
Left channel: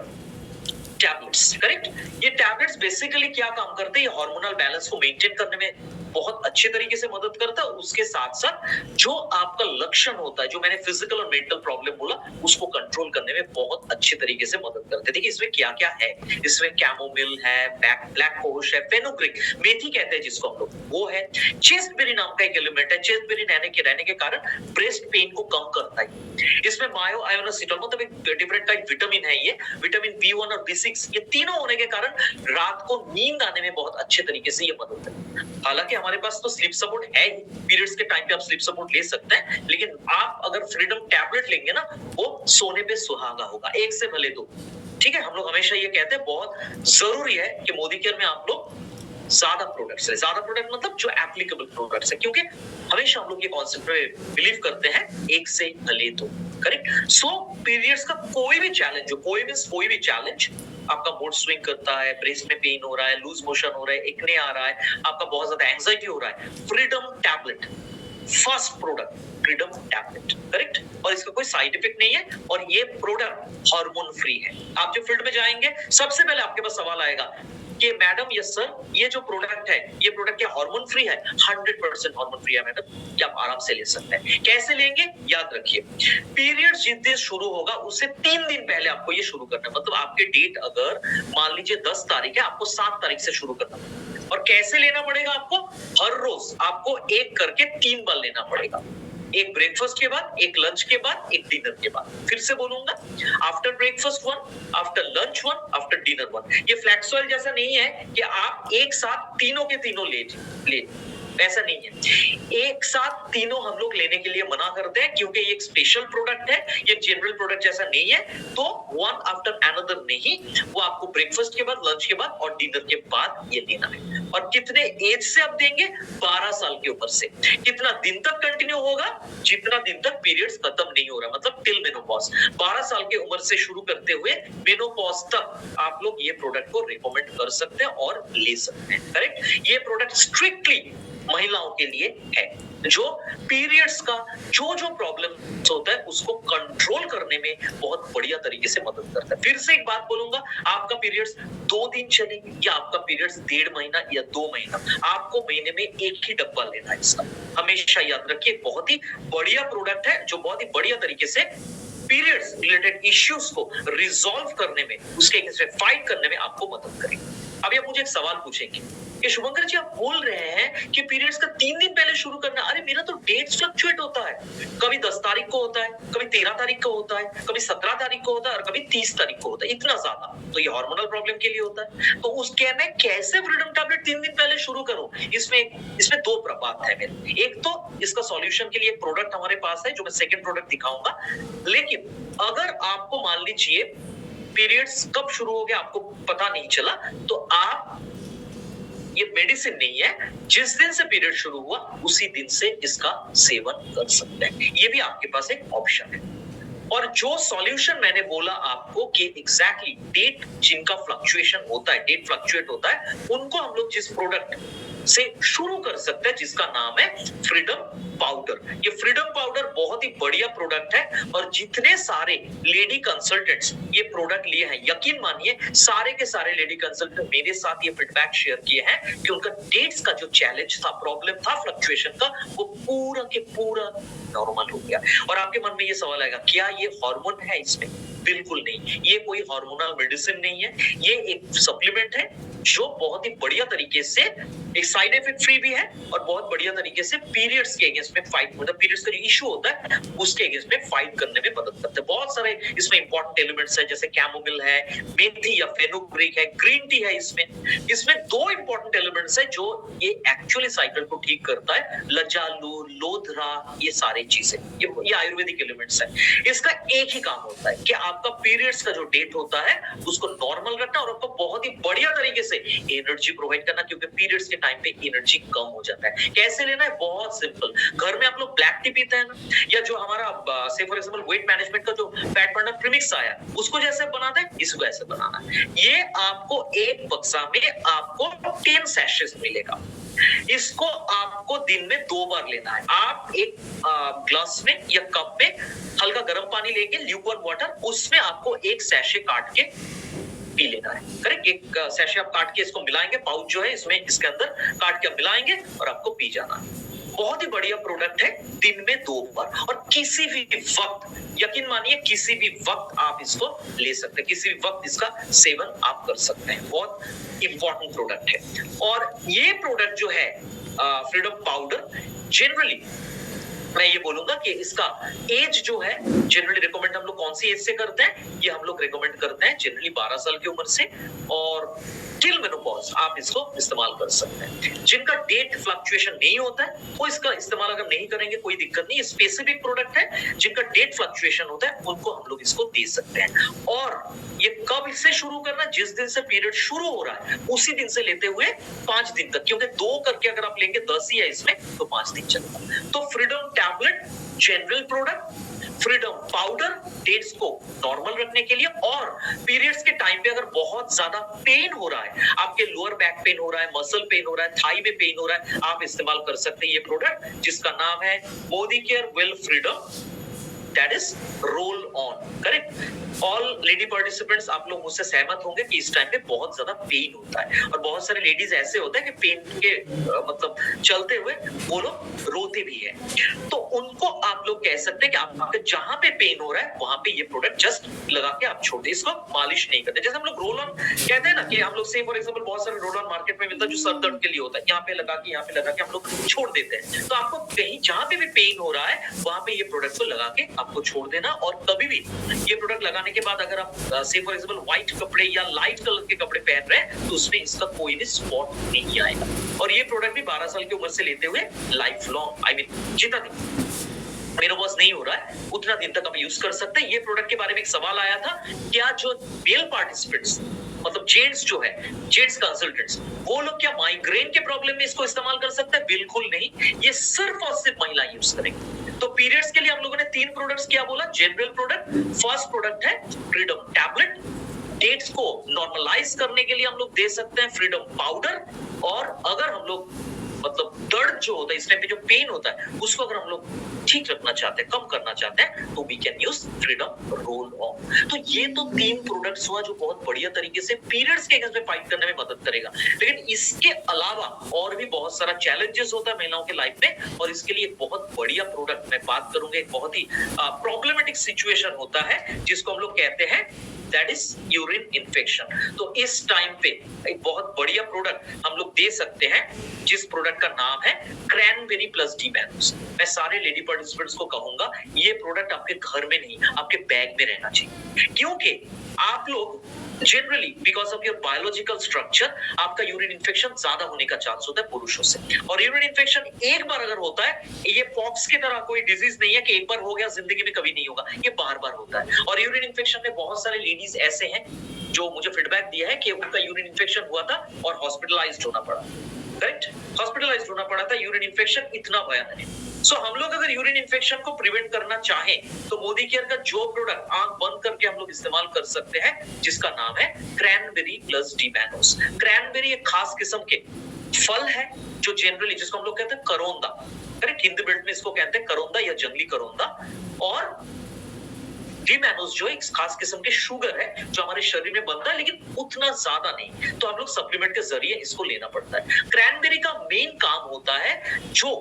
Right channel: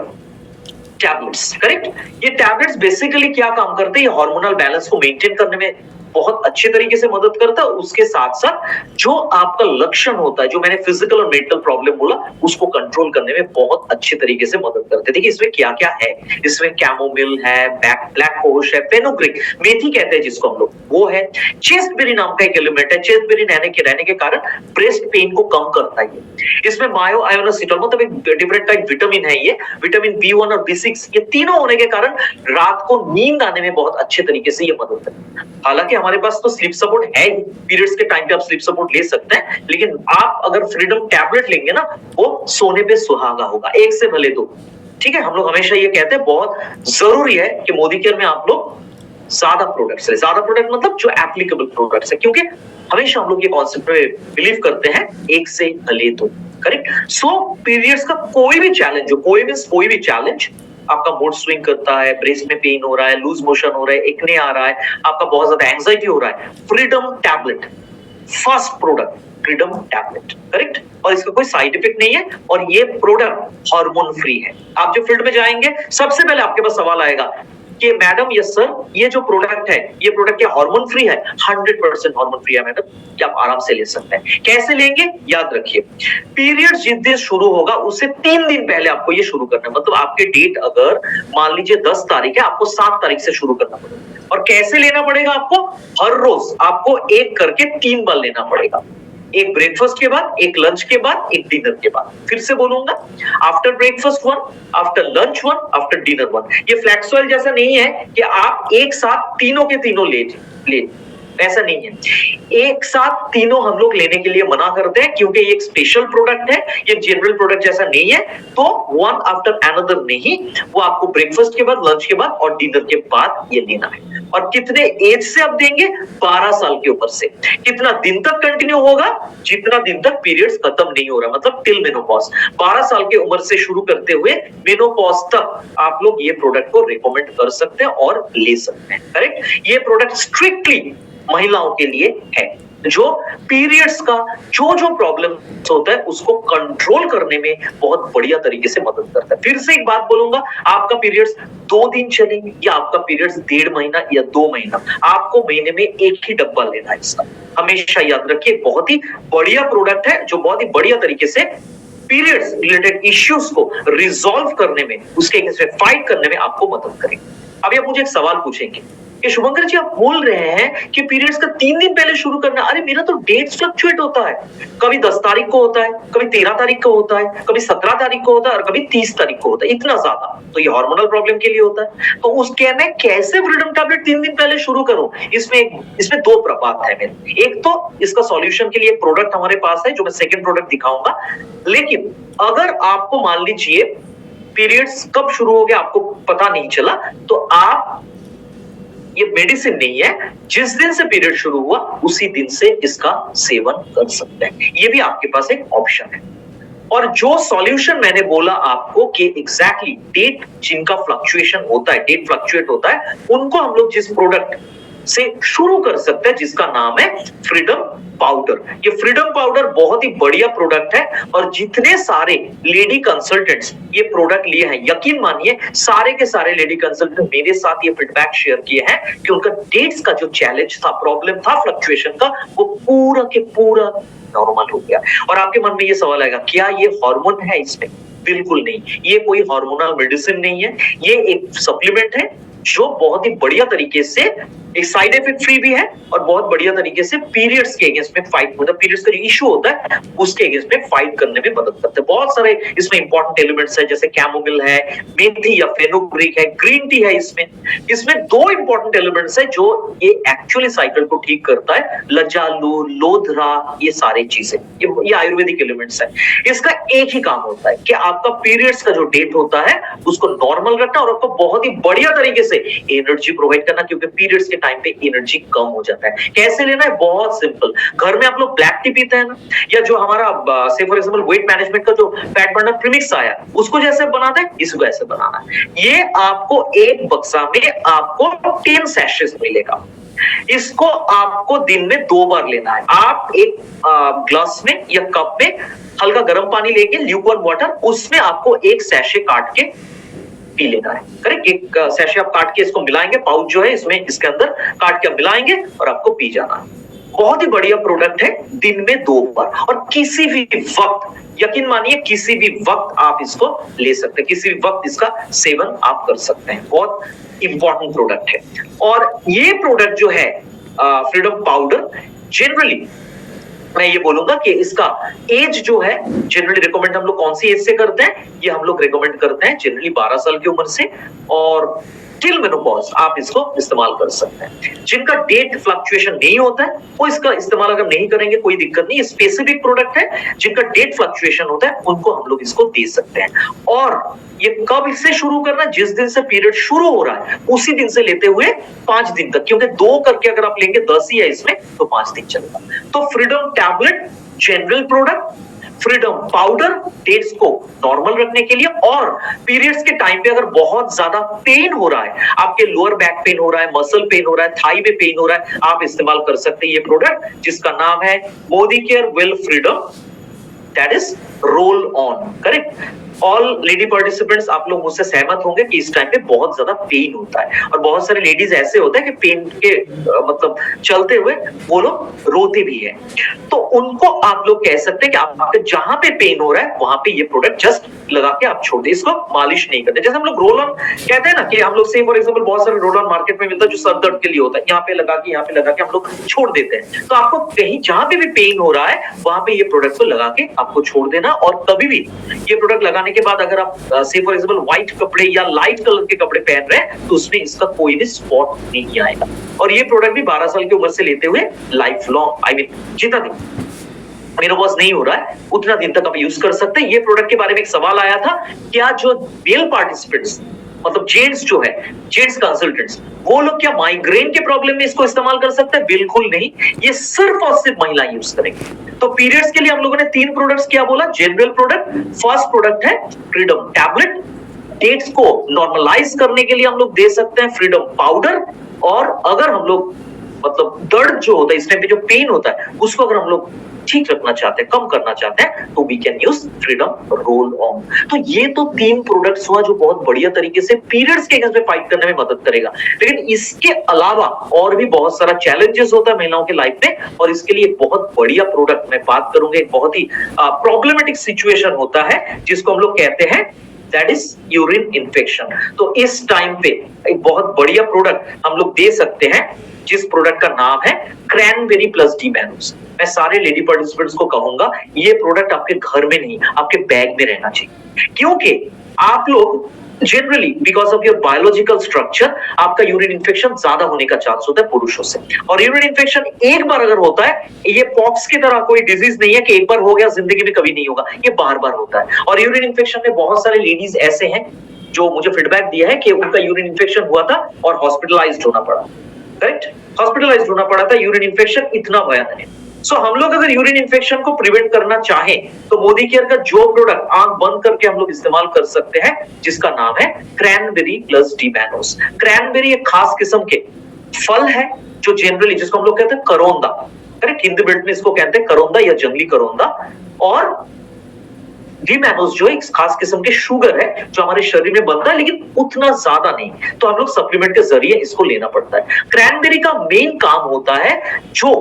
tablets. Correct, ये टैबलेट्स बेसिकली क्या काम करते हैं, ये हार्मोनल बैलेंस को मेंटेन करने में बहुत अच्छे तरीके से मदद करता है। उसके साथ साथ जो आपका लक्षण होता है, जो मैंने फिजिकल और मेंटल प्रॉब्लम बोला, उसको कंट्रोल करने में बहुत अच्छे तरीके से मदद करते हैं। देखिए इसमें क्या क्या है, इसमें कैमोमिल है, ब्लैक कोश है, फेनुग्रीक, मेथी कहते हैं जिसको हम लोग, वो है। चेस्टबेरी नाम का एक एलिमेंट है, चेस्टबेरी रहने के कारण ब्रेस्ट पेन को कम करता है। इसमें मायो आयोनोसिटोल, मतलब एक डिफरेंट टाइप विटामिन है, ये विटामिन B1 और B6, ये तीनों होने के कारण रात को नींद आने में बहुत अच्छे तरीके से ये मदद करता है। हालांकि हमारे पास तो स्लीप सपोर्ट है, पीरियड्स के टाइम पे आप स्लीप सपोर्ट ले सकते हैं, लेकिन आप अगर फ्रीडम टैबलेट लेंगे ना, वो सोने पे सुहागा होगा, एक से भले 2। ठीक है, हम लोग हमेशा ये कहते हैं बहुत जरूरी है कि मोदी केयर में आप लोग ज्यादा प्रोडक्ट्स है, ज्यादा प्रोडक्ट मतलब जो एप्लीकेबल प्रोडक्ट्स है, क्योंकि हमेशा हम लोग ये कॉन्सेप्ट पे बिलीव करते हैं, एक से भले 2। करेक्ट, पीरियड्स का कोई भी चैलेंज हो, कोई भी चैलेंज, आपका मूड स्विंग करता है, ब्रेस्ट में पेन हो रहा है, लूज मोशन हो रहा है, एक्ने आ रहा है, आपका बहुत ज्यादा एंजाइटी हो रहा है, freedom tablet first product, freedom tablet. Correct, और इसका कोई साइड इफेक्ट नहीं है, और ये प्रोडक्ट हार्मोन फ्री है। आप जो फील्ड में जाएंगे, सबसे पहले आपके पास सवाल आएगा कि मैडम यस सर, ये जो प्रोडक्ट है, ये प्रोडक्ट क्या हार्मोन फ्री है? 100% हार्मोन फ्री है मैडम, ये आप आराम से ले सकते हैं। कैसे लेंगे, याद रखिए, पीरियड जिस दिन शुरू होगा उससे 3 दिन पहले आपको ये शुरू करना है। मतलब आपके डेट अगर मान लीजिए 10 तारीख है, आपको 7 तारीख से शुरू करना पड़ेगा। और कैसे लेना पड़ेगा आपको, हर रोज आपको एक करके 3 बार लेना पड़ेगा, एक ब्रेकफास्ट के बाद, एक लंच के बाद, एक डिनर के बाद। फिर से बोलूंगा, after breakfast 1, after lunch 1, after dinner 1। ये फ्लैक्स ऑयल जैसा नहीं है कि आप एक साथ तीनों के तीनों ले, ऐसा नहीं है। एक साथ तीनों हम लोग लेने के लिए मना करते हैं, क्योंकि ये एक स्पेशल प्रोडक्ट है, ये जनरल प्रोडक्ट जैसा नहीं है। तो वन आफ्टर अनदर नहीं, वो आपको ब्रेकफास्ट के बाद, लंच के बाद और डिनर के बाद ये लेना है। और कितने एज से आप देंगे, 12 साल के ऊपर से। कितना दिन तक कंटिन्यू होगा, जितना दिन तक पीरियड्स खत्म नहीं हो रहा, मतलब टिल मेनोपॉज। 12 साल की उम्र से शुरू करते हुए मेनोपॉज तक आप लोग ये प्रोडक्ट को रिकमेंड कर सकते हैं और ले सकते हैं। करेक्ट, ये प्रोडक्ट स्ट्रिक्टली महिलाओं के लिए है, जो पीरियड्स का जो प्रॉब्लम होता है उसको कंट्रोल करने में बहुत बढ़िया तरीके से मदद करता है। फिर से एक बात बोलूंगा, आपका पीरियड्स 2 दिन चले या आपका पीरियड्स 1.5 महीना या 2 महीना, आपको महीने में एक ही डब्बा लेना है इसका। हमेशा याद रखिए, बहुत ही बढ़िया प्रोडक्ट है, जो बहुत ही बढ़िया तरीके से पीरियड्स रिलेटेड इश्यूज को रिजॉल्व करने में, उसके अगेंस्ट फाइट करने में आपको मदद करेगी। अभी आप मुझे एक सवाल पूछेंगे कि शुभंकर जी आप बोल रहे हैं कि पीरियड्स का 3 दिन पहले शुरू करना। अरे मेरा तो डेट्स फ्लक्चुएट होता है, कभी 10 तारीख को होता है, कभी 13 तारीख को होता है, कभी 17 तारीख को होता है और कभी 30 तारीख को होता है, इतना ज्यादा। तो ये हार्मोनल प्रॉब्लम के लिए होता है। तो उस कहना कैसे फ्रीडम टैबलेट 3 दिन पहले शुरू करूं, इसमें दो प्रभाव है मेरे। एक तो इसका सॉल्यूशन के लिए एक प्रोडक्ट हमारे पास है जो मैं सेकंड प्रोडक्ट दिखाऊंगा। लेकिन अगर आपको मान लीजिए पीरियड्स कब शुरू हो गया आपको पता नहीं चला, तो आप, ये मेडिसिन नहीं है, जिस दिन से पीरियड शुरू हुआ उसी दिन से इसका सेवन कर सकते हैं। ये भी आपके पास एक ऑप्शन है। और जो सॉल्यूशन मैंने बोला आपको कि एग्जैक्टली डेट जिनका फ्लक्चुएशन होता है, डेट फ्लक्चुएट होता है, उनको हम लोग जिस प्रोडक्ट से शुरू कर सकते हैं जिसका नाम है फ्रीडम पाउडर। ये फ्रीडम पाउडर बहुत ही बढ़िया प्रोडक्ट है और जितने सारे लेडी कंसल्टेंट्स ये प्रोडक्ट लिए हैं, यकीन मानिए सारे के सारे लेडी कंसल्टेंट मेरे साथ ये फीडबैक शेयर किए हैं कि उनका डेट्स का जो चैलेंज था, प्रॉब्लम था फ्लक्चुएशन का, वो पूरा के पूरा नॉर्मल हो गया। और आपके मन में ये सवाल आएगा, क्या ये हार्मोन है इसमें? बिल्कुल नहीं, ये कोई हार्मोनल मेडिसिन नहीं है, ये एक सप्लीमेंट है जो बहुत ही बढ़िया तरीके से एक साइड इफेक्ट फ्री भी है और बहुत बढ़िया तरीके से पीरियड्स के अगेंस्ट में फाइट, मतलब पीरियड्स का जो इशू होता है उसके अगेंस्ट में फाइट करने में मदद करता है। बहुत सारे इसमें इंपॉर्टेंट एलिमेंट्स है, जैसे कैमोमिल है, मेथी या फेनुग्रीक है, ग्रीन टी है। इसमें दो इंपॉर्टेंट एलिमेंट्स है जो ये एक्चुअली साइकिल को ठीक करता है, लजालू, लोधरा, ये सारी चीजें, ये आयुर्वेदिक एलिमेंट्स है। इसका एक ही काम होता है कि आपका पीरियड्स का जो डेट होता है उसको नॉर्मल रखना और आपको बहुत ही बढ़िया तरीके से एनर्जी प्रोवाइड करना, क्योंकि पीरियड्स के टाइम पे एनर्जी कम हो जाता है। कैसे लेना है? बहुत सिंपल। घर में आप लोग ब्लैक टी पीते हैं ना, या जो हमारा से फॉर एग्जांपल वेट मैनेजमेंट का जो फैट बर्नर प्रीमिक्स आया उसको जैसे बनाते हैं इसको ऐसे बनाना है। ये आपको एक बक्सा में आपको 10 सैशेस मिलेगा। इसको आपको दिन में 2 बार लेना है। आप एक ग्लास में या कप में हल्का गर्म पानी लेके, ल्यूकवार्म वाटर, उसमें आपको एक सैशे काट के पी लेना है। करेक्ट? एक सैशे आप काट के इसको मिलाएंगे, पाउच जो है इसमें इसके अंदर काट के मिलाएंगे और आपको पी जाना है। बहुत ही बढ़िया प्रोडक्ट है, दिन में 2 बार और किसी भी वक्त, यकीन मानिए किसी भी वक्त आप इसको ले सकते हैं, किसी भी वक्त इसका सेवन आप कर सकते हैं। बहुत इंपॉर्टेंट प्रोडक्ट है। और ये प्रोडक्ट जो है फ्रीडम पाउडर, जनरली मैं ये बोलूंगा कि इसका एज जो है जनरली रिकमेंड हम लोग कौन सी एज से करते हैं? ये हम लोग रिकमेंड करते हैं जनरली 12 साल की उम्र से और टिल मेनोपॉज आप इसको इस्तेमाल कर सकते हैं। जिनका डेट फ्लक्चुएशन नहीं होता है वो इसका इस्तेमाल अगर नहीं करेंगे कोई दिक्कत नहीं, स्पेसिफिक प्रोडक्ट है। जिनका डेट फ्लक्चुएशन होता है उनको हम लोग इसको दे सकते हैं। और ये कब इससे शुरू करना? जिस दिन से पीरियड शुरू हो रहा है उसी दिन से लेते हुए 5 दिन तक, क्योंकि 2 करके अगर आप लेंगे 10 ही है इसमें, तो 5 दिन चलेगा। तो Freedom tablet general product, Freedom powder dates को नॉर्मल रखने के लिए, और पीरियड्स के टाइम पे अगर बहुत ज्यादा पेन हो रहा है, आपके लोअर बैक पेन हो रहा है, मसल पेन हो रहा है, थाई में पेन हो रहा है, आप इस्तेमाल कर सकते हैं ये प्रोडक्ट जिसका नाम है Modi care well freedom, that is roll on. Correct? All lady participants आप लोग मुझसे सहमत होंगे कि इस टाइम पे बहुत ज्यादा पेन होता है और बहुत सारे लेडीज ऐसे होते हैं कि पेन के मतलब चलते हुए वो लोग रोते भी हैं। तो उनको आप लोग कह सकते हैं कि आपके जहां पे पेन हो रहा है वहां पे ये प्रोडक्ट जस्ट लगा के आप छोड़ दें, इसको मालिश नहीं करते। जैसे हम लोग रोल ऑन कहते हैं ना, कि हम लोग से फॉर एग्जांपल बहुत सारे रोल ऑन मार्केट में मिलता है जो सर दर्द के लिए होता है, यहाँ पे लगा के यहाँ पे लगा के हम लोग छोड़ देते हैं। तो आपको कहीं जहां पे भी पेन हो रहा है वहां पे ये प्रोडक्ट को लगा के आपको छोड़ देना। और कभी भी ये प्रोडक्ट लगाने के बाद अगर आप से फॉर एग्जांपल व्हाइट कपड़े या लाइट कलर के कपड़े पहन रहे हैं तो उसमें इसका कोई भी स्पॉट नहीं आएगा। और ये प्रोडक्ट भी 12 साल की उम्र से लेते हुए लाइफ लॉन्ग, आई मीन जितना दिन मेनोपॉज नहीं हो रहा है उतना दिन तक आप यूज कर सकते हैं। ये प्रोडक्ट के बारे में एक सवाल आया था, क्या जो मेल पार्टिसिपेंट्स मतलब जेंट्स जो है, जेंट्स कंसल्टेंट्स, वो लोग क्या माइग्रेन के प्रॉब्लम में इसको इस्तेमाल कर सकते हैं? बिल्कुल नहीं, ये सिर्फ और सिर्फ महिला यूज करेंगे। तो पीरियड्स के लिए हम लोगों ने 3 प्रोडक्ट्स क्या बोला? जनरल प्रोडक्ट, फर्स्ट प्रोडक्ट है फ्रीडम टैबलेट, डेट्स को नॉर्मलाइज करने के लिए हम लोग दे सकते हैं फ्रीडम पाउडर, और अगर हम लोग मतलब दर्द जो होता है इस टाइम पे जो पेन होता है उसको अगर हम लोग ठीक रखना चाहते हैं, कम करना चाहते हैं, तो we can use Freedom roll on. तो ये तो 3 प्रोडक्ट्स हुआ जो बहुत बढ़िया तरीके से पीरियड्स के अगेंस्ट में फाइट करने में मदद करेगा। लेकिन इसके अलावा और भी बहुत सारा चैलेंजेस होता है महिलाओं के लाइफ में, और इसके लिए एक बहुत बढ़िया प्रोडक्ट मैं बात करूंगा। एक बहुत ही प्रॉब्लमेटिक सिचुएशन होता है जिसको हम लोग कहते हैं दैट इज यूरिन इन्फेक्शन। तो इस टाइम पे एक बहुत बढ़िया प्रोडक्ट हम लोग दे सकते हैं जिस प्रोडक्ट का नाम है क्रैनबेरी प्लस डी मैनोस। मैं सारे लेडी पार्टिसिपेंट्स को कहूंगा ये प्रोडक्ट आपके घर में नहीं, आपके बैग में रहना चाहिए, क्योंकि आप लोग generally because of your biological structure आपका यूरिन इन्फेक्शन ज्यादा होने का चांस होता है पुरुषों से। और यूरिन इन्फेक्शन एक बार अगर होता है, ये पॉक्स की तरह कोई डिजीज नहीं है कि एक बार हो गया जिंदगी में कभी नहीं होगा, ये बार बार होता है। और यूरिन इन्फेक्शन में बहुत सारे लेडीज ऐसे हैं जो मुझे फीडबैक दिया है कि उनका यूरिन इन्फेक्शन हुआ था और हॉस्पिटलाइज्ड होना पड़ा। करेक्ट, हॉस्पिटलाइज्ड होना पड़ा था, यूरिन इन्फेक्शन इतना भयानक है। सो हम लोग अगर यूरिन इन्फेक्शन को प्रिवेंट करना चाहें तो मोदी केयर का जो प्रोडक्ट आंख बंद करके हम लोग इस्तेमाल कर सकते हैं जिसका नाम है cranberry plus D mannose. Cranberry एक खास किस्म के फल है जो जनरली जिसको हम लोग कहते हैं करोंदा, करेक्ट, हिंदी बेल्ट में इसको कहते हैं करोंदा या जंगली करोंदा। और डी मैनोस जो एक खास किस्म के शुगर है जो हमारे शरीर में बनता है लेकिन उतना ज्यादा नहीं, तो हम लोग सप्लीमेंट के जरिए इसको लेना पड़ता है। क्रैनबेरी का मेन काम होता है जो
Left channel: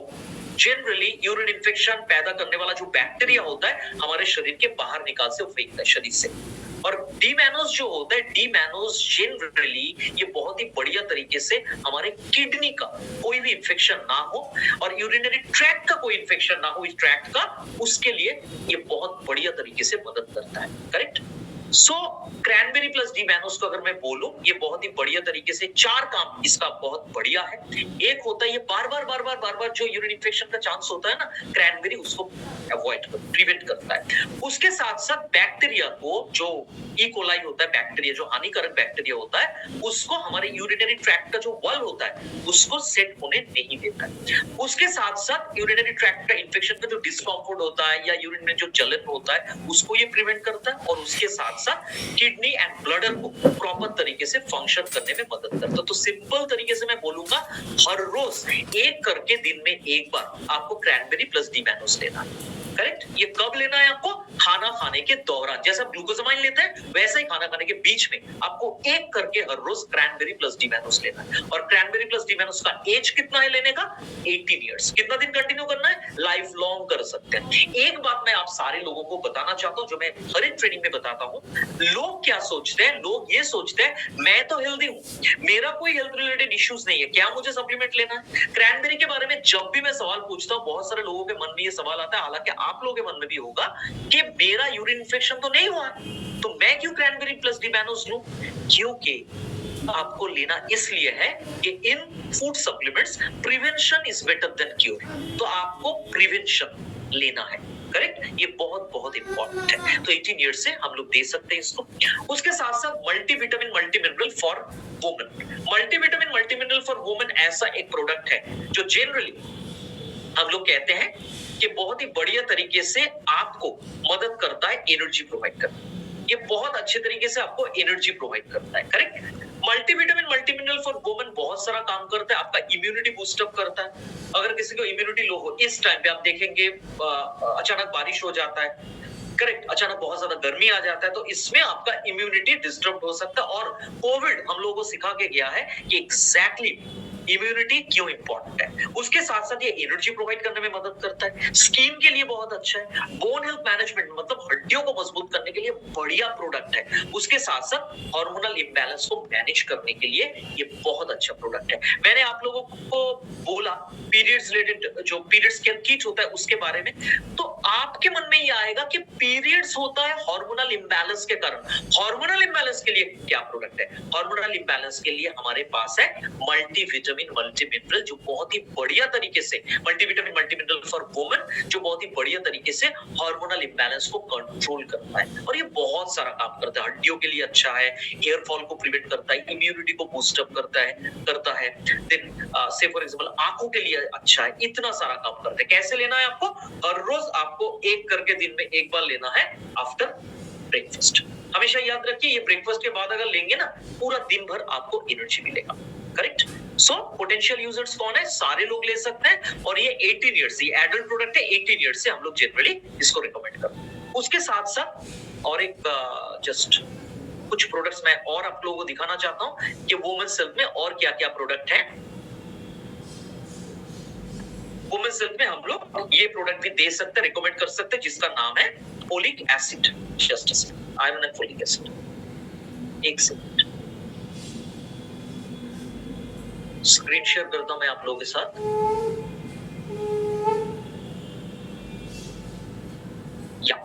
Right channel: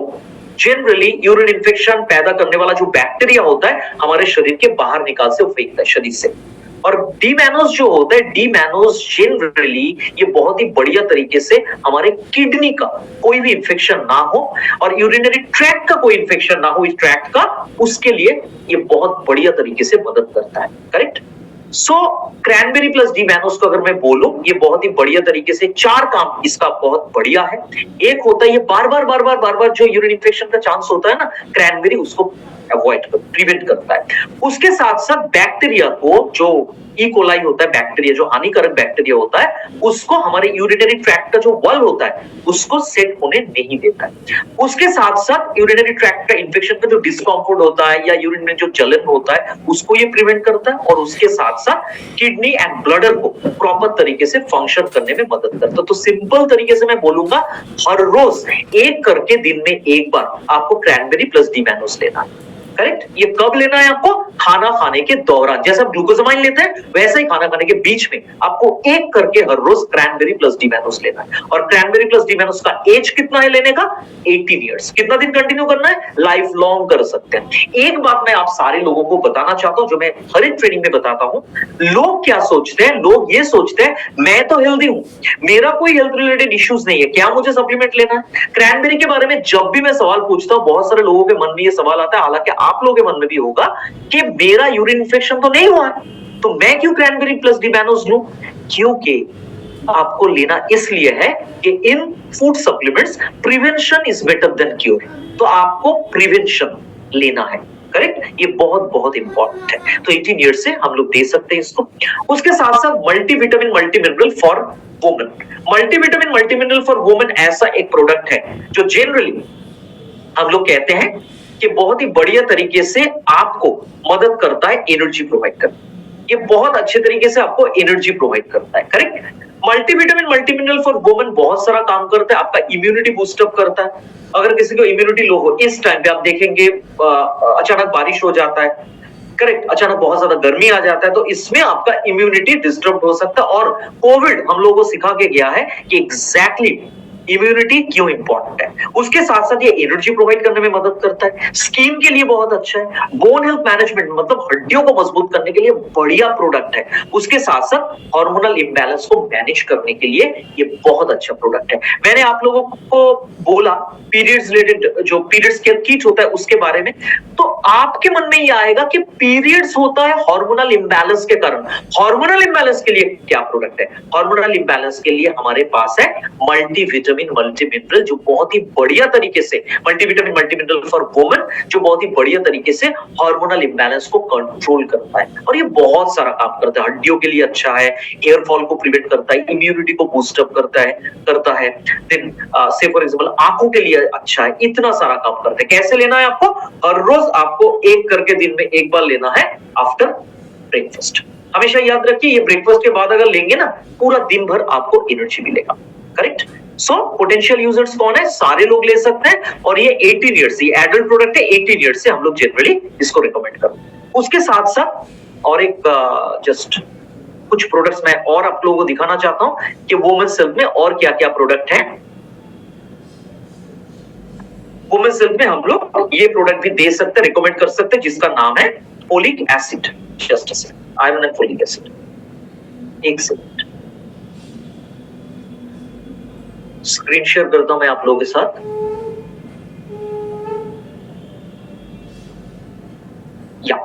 जनरली यूरिन इन्फेक्शन पैदा करने वाला जो बैक्टीरिया होता है हमारे शरीर के बाहर निकाल से फेंकता है शरीर से। और डी मैनोस जो होता है, डी मैनोस जनरली ये बहुत ही बढ़िया तरीके से हमारे किडनी का कोई भी इंफेक्शन ना हो और यूरिनरी ट्रैक्ट का कोई इंफेक्शन ना हो इस ट्रैक्ट का, उसके लिए ये बहुत बढ़िया तरीके से मदद करता है। करेक्ट। सो क्रैनबेरी प्लस डी मैनोस को अगर मैं बोलूं, ये बहुत ही बढ़िया तरीके से चार काम इसका बहुत बढ़िया है। एक होता है ये बार बार जो यूरिन इन्फेक्शन का चांस होता है ना, क्रैनबेरी उसको अवॉइड कर प्रिवेंट करता है। उसके साथ साथ बैक्टीरिया को, जो ई कोलाई होता है बैक्टीरिया, जो हानिकारक बैक्टीरिया होता है, उसको हमारे यूरिनरी ट्रैक्ट का जो वॉल होता है उसको सेट होने नहीं देता है। उसके साथ साथ यूरिनरी ट्रैक्ट का इंफेक्शन का जो डिस्कम्फर्ट होता है या यूरिन में जो जलन होता है उसको ये प्रिवेंट करता है। और उसके साथ साथ किडनी एंड ब्लडर को प्रॉपर तरीके से फंक्शन करने में मदद करता है। तो सिंपल तरीके से मैं बोलूंगा हर रोज एक करके दिन में एक बार आपको क्रैनबेरी प्लस डी मैनोस लेना है। करेक्ट। ये कब लेना है आपको? खाना खाने के दौरान। जैसे आप ग्लूकोजामाइन लेते हैं वैसे ही खाना खाने के बीच में आपको एक करके हर रोज क्रैनबेरी प्लस डी मैनोस लेना है। और क्रैनबेरी प्लस डी मैनोस का एज कितना है लेने का? 18 इयर्स। कितना दिन कंटिन्यू करना है? लाइफ लॉन्ग कर सकते हैं। एक बात मैं आप सारे लोगों को बताना चाहता हूं जो मैं हर एक ट्रेनिंग में बताता हूं। लोग क्या सोचते हैं? लोग ये सोचते हैं मैं तो हेल्दी हूं, मेरा कोई हेल्थ रिलेटेड इश्यूज नहीं है, क्या मुझे सप्लीमेंट लेना है? क्रैनबेरी के बारे में जब भी मैं सवाल पूछता हूं बहुत सारे लोगों के मन में ये सवाल आता है, हालांकि आप लोगों के मन में भी होगा कि मेरा यूरिन इन्फेक्शन तो नहीं हुआ है तो मैं क्यों क्रैनबेरी प्लस डी मैनोस लूं? क्योंकि आपको लेना इसलिए है कि इन food supplements prevention is better than cure. तो आपको प्रिवेंशन लेना है। करेक्ट। ये बहुत बहुत इंपॉर्टेंट है। तो 18 ईयर्स से हम लोग दे सकते हैं इसको। उसके साथ साथ multivitamin multimineral for women. Multivitamin multimineral for women ऐसा एक प्रोडक्ट है जो जनरली हम लोग कहते हैं कि बहुत ही बढ़िया तरीके से आपको मदद करता है एनर्जी प्रोवाइड करने। ये बहुत अच्छे तरीके से आपको एनर्जी प्रोवाइड करता है। Correct. Multivitamin multimineral for women बहुत सारा काम करता है, आपका इम्यूनिटी बूस्टअप करता है। अगर किसी को इम्यूनिटी लो हो इस टाइम पे आप देखेंगे अचानक बारिश हो जाता है, करेक्ट, अचानक बहुत ज्यादा गर्मी आ जाता है, तो इसमें आपका इम्यूनिटी डिस्टर्ब हो सकता है। और कोविड हम लोगों को सिखा के गया है कि एग्जैक्टली इम्यूनिटी क्यों इंपॉर्टेंट है। उसके साथ साथ ये एनर्जी प्रोवाइड करने में मदद करता है, स्किन के लिए बहुत अच्छा है, बोन हेल्थ मैनेजमेंट मतलब हड्डियों को मजबूत करने के लिए बढ़िया प्रोडक्ट है। उसके साथ साथ हार्मोनल इंबैलेंस को मैनेज करने के लिए ये बहुत अच्छा प्रोडक्ट है। मैंने आप लोगों को बोला पीरियड्स रिलेटेड जो पीरियड्स केयर किट होता है उसके बारे में, तो आपके मन में ये आएगा कि पीरियड्स होता है हार्मोनल इंबैलेंस के कारण। हार्मोनल इंबैलेंस के लिए क्या प्रोडक्ट है? हार्मोनल इंबैलेंस के लिए हमारे पास है मल्टीविटामिन मल्टीमिनरल जो बहुत ही बढ़िया तरीके से, मल्टीविटामिन मल्टीमिनरल फॉर वुमेन जो बहुत ही बढ़िया तरीके से हार्मोनल इंबैलेंस को कंट्रोल करता है। और ये बहुत सारा काम करता है, हड्डियों के लिए अच्छा है, हेयर फॉल को प्रिवेंट करता है, इम्यूनिटी को बूस्ट अप करता है, देन से फॉर एग्जांपल आंखों के लिए अच्छा है, इतना सारा काम करता है। कैसे लेना है आपको? हर रोज आपको एक करके दिन में एक बार लेना है आफ्टर ब्रेकफास्ट। हमेशा याद रखिए ये ब्रेकफास्ट के बाद अगर लेंगे ना पूरा दिन भर आपको एनर्जी मिलेगा। करेक्ट। सो पोटेंशियल यूजर्स कौन है? सारे लोग ले सकते हैं और ये 18 इयर्स, ये एडल्ट प्रोडक्ट है, 18 इयर्स से हम लोग जनरली इसको रिकमेंड करते हैं। उसके साथ साथ और एक जस्ट कुछ प्रोडक्ट्स मैं और आप लोगों को दिखाना चाहता हूं कि वुमेन्स हेल्थ में और क्या क्या प्रोडक्ट है। वुमेन्स हेल्थ में हम लोग ये प्रोडक्ट भी दे सकते हैं, रिकमेंड कर सकते हैं, जिसका नाम है folic acid, just iron and folic acid. एक सेकंड, स्क्रीन शेयर करता हूं मैं आप लोगों के साथ। या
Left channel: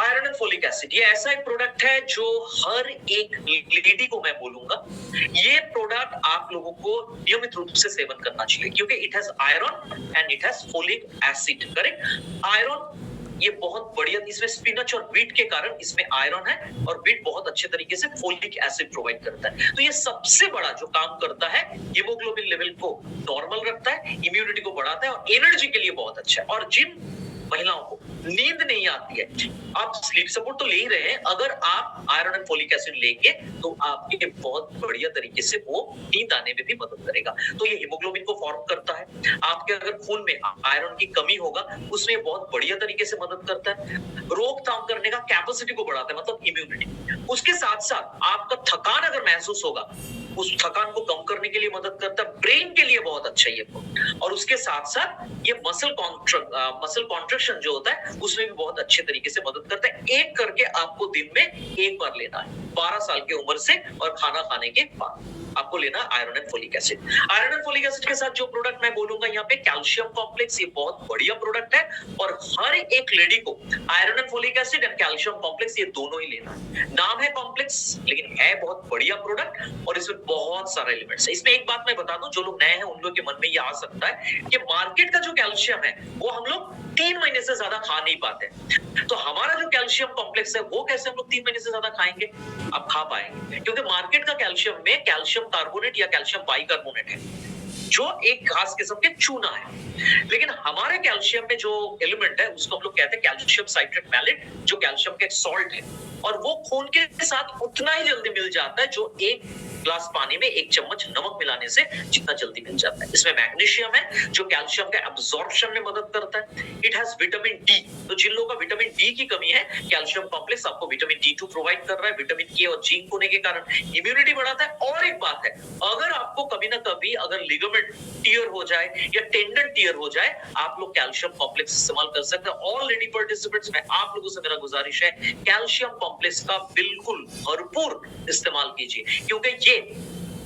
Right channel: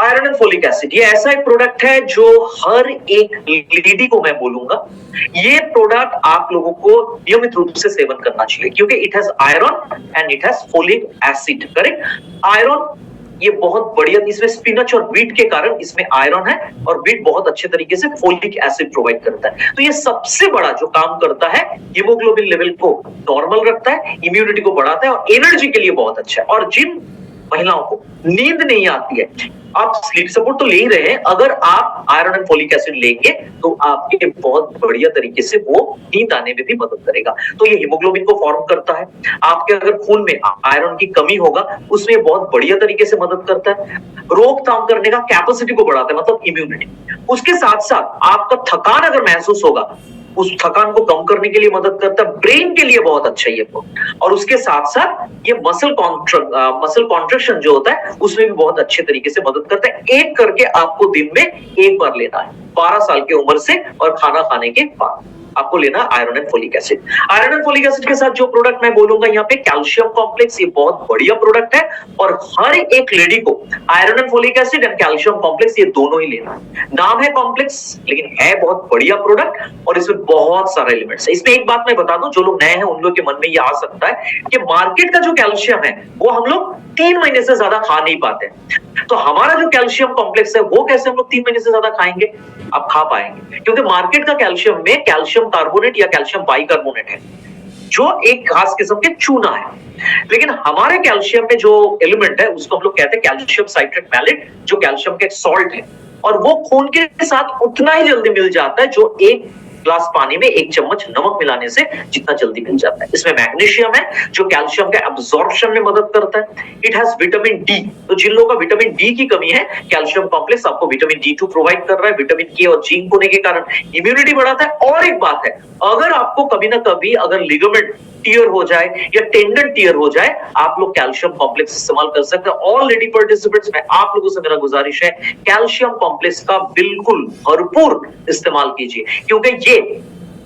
आयरन एंड फोलिक एसिड, ये ऐसा एक प्रोडक्ट है जो हर एक लेडी को मैं बोलूंगा ये प्रोडक्ट आप लोगों को नियमित रूप से सेवन करना चाहिए, क्योंकि it has iron and it has folic acid. Correct, iron ये बहुत बढ़िया, इसमें स्पिनच और व्हीट के कारण इसमें आयरन है, और व्हीट बहुत अच्छे तरीके से फोलिक एसिड प्रोवाइड करता है। तो ये सबसे बड़ा जो काम करता है, हीमोग्लोबिन लेवल को नॉर्मल रखता है, इम्यूनिटी को बढ़ाता है, और एनर्जी के लिए बहुत अच्छा है। और जिन महिलाओं को नींद नहीं आती है, आप स्लीप सपोर्ट तो ले ही रहे हैं, अगर आप आयरन एंड फोलिक एसिड लेंगे तो आपके बहुत बढ़िया तरीके से वो नींद आने में भी मदद करेगा। तो ये हीमोग्लोबिन को फॉर्म करता है, आपके अगर खून में आयरन की कमी होगा उसमें बहुत बढ़िया तरीके से मदद करता है, रोकथाम करने का कैपेसिटी को बढ़ाता है, मतलब इम्यूनिटी। उसके साथ साथ आपका थकान अगर महसूस होगा, उस थकान को कम करने के लिए मदद करता है, ब्रेन के लिए बहुत अच्छा है ये। और उसके साथ साथ ये मसल कॉन्ट्रैक्शन जो होता है उसमें भी बहुत अच्छे तरीके से मदद करता है। एक करके आपको दिन में एक बार लेना है, 12 साल की उम्र से, और खाना खाने के बाद आपको लेना iron and folic acid. Iron and folic acid के साथ जो प्रोडक्ट मैं बोलूंगा यहाँ पे कैल्शियम कॉम्प्लेक्स, ये बहुत बढ़िया प्रोडक्ट है, और हर एक लेडी को iron and folic acid and calcium complex ये दोनों ही लेना है। नाम है कॉम्प्लेक्स, लेकिन है बहुत बढ़िया प्रोडक्ट, और इसमें बहुत सारे एलिमेंट्स है। इसमें एक बात मैं बता दूं, जो लोग नए हैं उन लोग के मन में ये आ सकता है कि मार्केट का जो कैल्शियम है वो हम लोग 3 महीने से ज्यादा खा नहीं पाते, तो हमारा जो कैल्शियम कॉम्प्लेक्स है वो कैसे हम लोग 3 महीने से ज्यादा खाएंगे? आप खा पाएंगे, क्योंकि मार्केट का कैल्शियम में कैल्शियम कार्बोनेट या कैल्शियम बाइकार्बोनेट है, जो एक खास किस्म के चूना है। लेकिन हमारे कैल्शियम में जो एलिमेंट है उसको हम लोग कहते हैं कैल्शियम साइट्रेट मैलेट, जो कैल्शियम का एक सॉल्ट है, और वो खून के साथ उतना ही जल्दी मिल जाता है जो एक ग्लास पानी में 1 चम्मच नमक मिलाने से जितना जल्दी मिल जाता है। इसमें मैग्नीशियम है जो कैल्शियम के एब्जॉर्प्शन में मदद करता है। इट हैज विटामिन डी, तो जिन लोगों का विटामिन डी की कमी है, कैल्शियम कॉम्प्लेक्स आपको विटामिन डी2 प्रोवाइड कर रहा है। विटामिन के और जिंक होने के कारण इम्यूनिटी बढ़ाता है। और एक बात है, अगर आपको कभी ना कभी अगर लिगामेंट टियर हो जाए या टेंडन टियर हो जाए, आप लोग कैल्शियम कॉम्प्लेक्स इस्तेमाल कर सकते हैं। ऑल लेडी पार्टिसिपेंट्स में आप लोगों से मेरा गुजारिश है, कैल्शियम कॉम्प्लेक्स का बिल्कुल भरपूर इस्तेमाल कीजिए, क्योंकि ये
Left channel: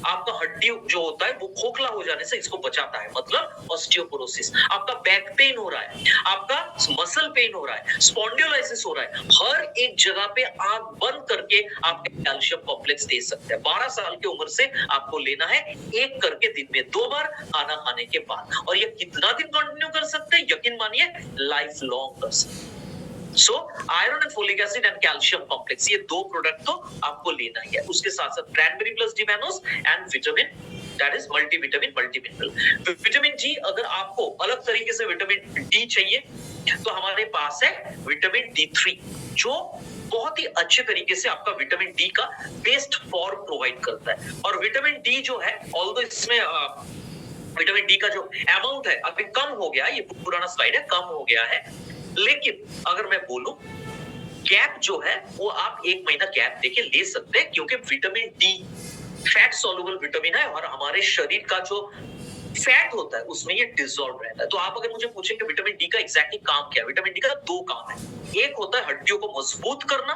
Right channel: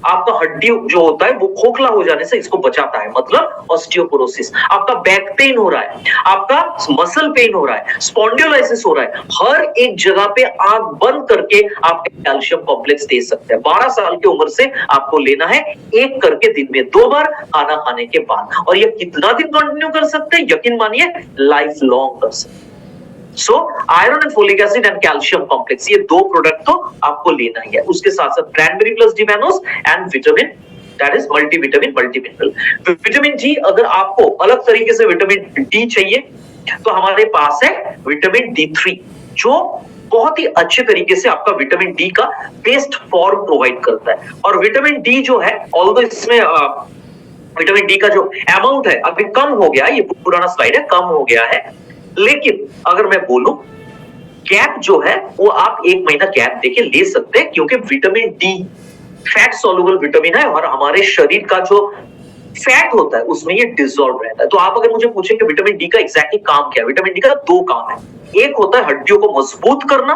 आपका हड्डी जो होता है वो खोखला हो जाने से इसको बचाता है, मतलब ऑस्टियोपोरोसिस। आपका बैक पेन हो रहा है, आपका मसल पेन हो रहा है, स्पॉन्डिलोलाइसिस हो रहा है, हर एक जगह पे आंख बंद करके आप कैल्शियम कॉम्प्लेक्स दे सकते हैं। 12 साल की उम्र से आपको लेना है, एक करके दिन में 2 बार खाना खाने के बाद। और ये कितना दिन कंटिन्यू कर सकते हैं? यकीन मानिए लाइफ लॉन्ग कर सकते हैं। So iron and folic acid and calcium complex, ये 2 प्रोडक्ट तो आपको लेना ही है। उसके साथ साथ cranberry plus D mannose and vitamin, that is multivitamin multimineral. Vitamin D, अगर आपको अलग तरीके से विटामिन डी चाहिए तो हमारे पास है विटामिन डी3, जो बहुत ही अच्छे तरीके से आपका विटामिन डी का बेस्ट फॉर्म प्रोवाइड करता है। और विटामिन डी जो है, ऑल्दो इसमें विटामिन डी का जो अमाउंट है अभी कम हो गया, ये पुराना स्लाइड है, कम हो गया है, लेकिन अगर मैं बोलूं गैप जो है वो आप 1 महीना गैप देके ले सकते हैं, क्योंकि vitamin D fat soluble vitamin है, और हमारे शरीर का जो फैट होता है उसमें ये डिसॉल्व रहता है। तो आप अगर मुझे पूछें कि विटामिन डी का एग्जैक्टली काम क्या है, विटामिन डी का 2 काम है। एक होता है हड्डियों को मजबूत करना,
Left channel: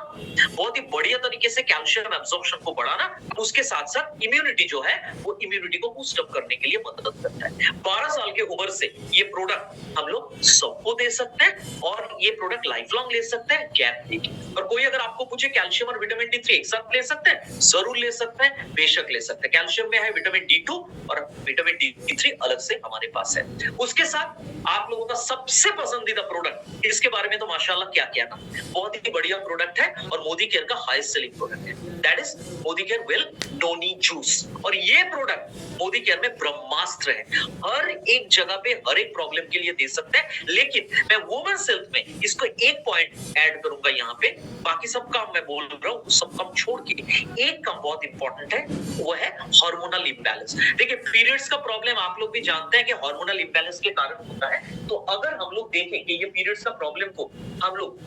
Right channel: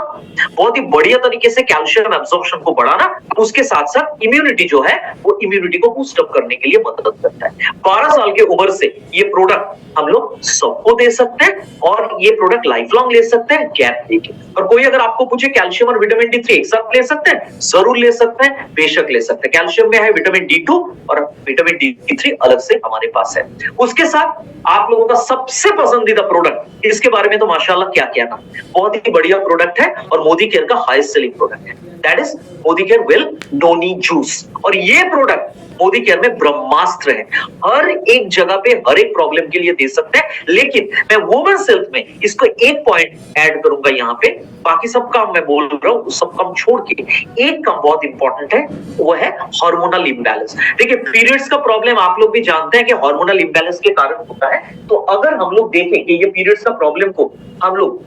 बहुत ही बढ़िया तरीके से कैल्शियम एब्जॉर्प्शन को बढ़ाना, उसके साथ साथ इम्यूनिटी जो है वो इम्यूनिटी को बूस्ट अप करने के लिए मदद करता है। 12 साल की उम्र से ये प्रोडक्ट हम लोग सबको दे सकते हैं, और ये प्रोडक्ट लाइफ लॉन्ग ले सकते हैं गैप देके। और कोई अगर आपको पूछे कैल्शियम और विटामिन डी3 एक साथ ले सकते हैं, जरूर ले सकते हैं, बेशक ले सकते हैं। कैल्शियम में है विटामिन डी2 और विटामिन डी3 अलग से हमारे पास है। उसके साथ आप लोगों का सबसे पसंदीदा प्रोडक्ट, इसके बारे में तो माशाल्लाह क्या कहना, बहुत ही बढ़िया प्रोडक्ट है और मोदी केयर का हाईएस्ट सेलिंग प्रोडक्ट है, that is Modi care will noni juice. और ये प्रोडक्ट मोदी केयर में ब्रह्मास्त्र है, हर एक जगह पे हर एक प्रॉब्लम के लिए दे सकते हैं। लेकिन मैं वुमेन हेल्थ में इसको एक पॉइंट ऐड करूंगा यहाँ पे, बाकी सब काम मैं बोल रहा हूँ, सब काम छोड़ के एक काम बहुत इंपॉर्टेंट है, वो है हार्मोनल इम्बैलेंस। देखिए, पीरियड्स का प्रॉब्लम आप लोग भी जानते हैं कि हार्मोनल इम्बैलेंस के कारण होता है। तो अगर हम लोग देखें कि ये पीरियड्स का प्रॉब्लम को हम लोग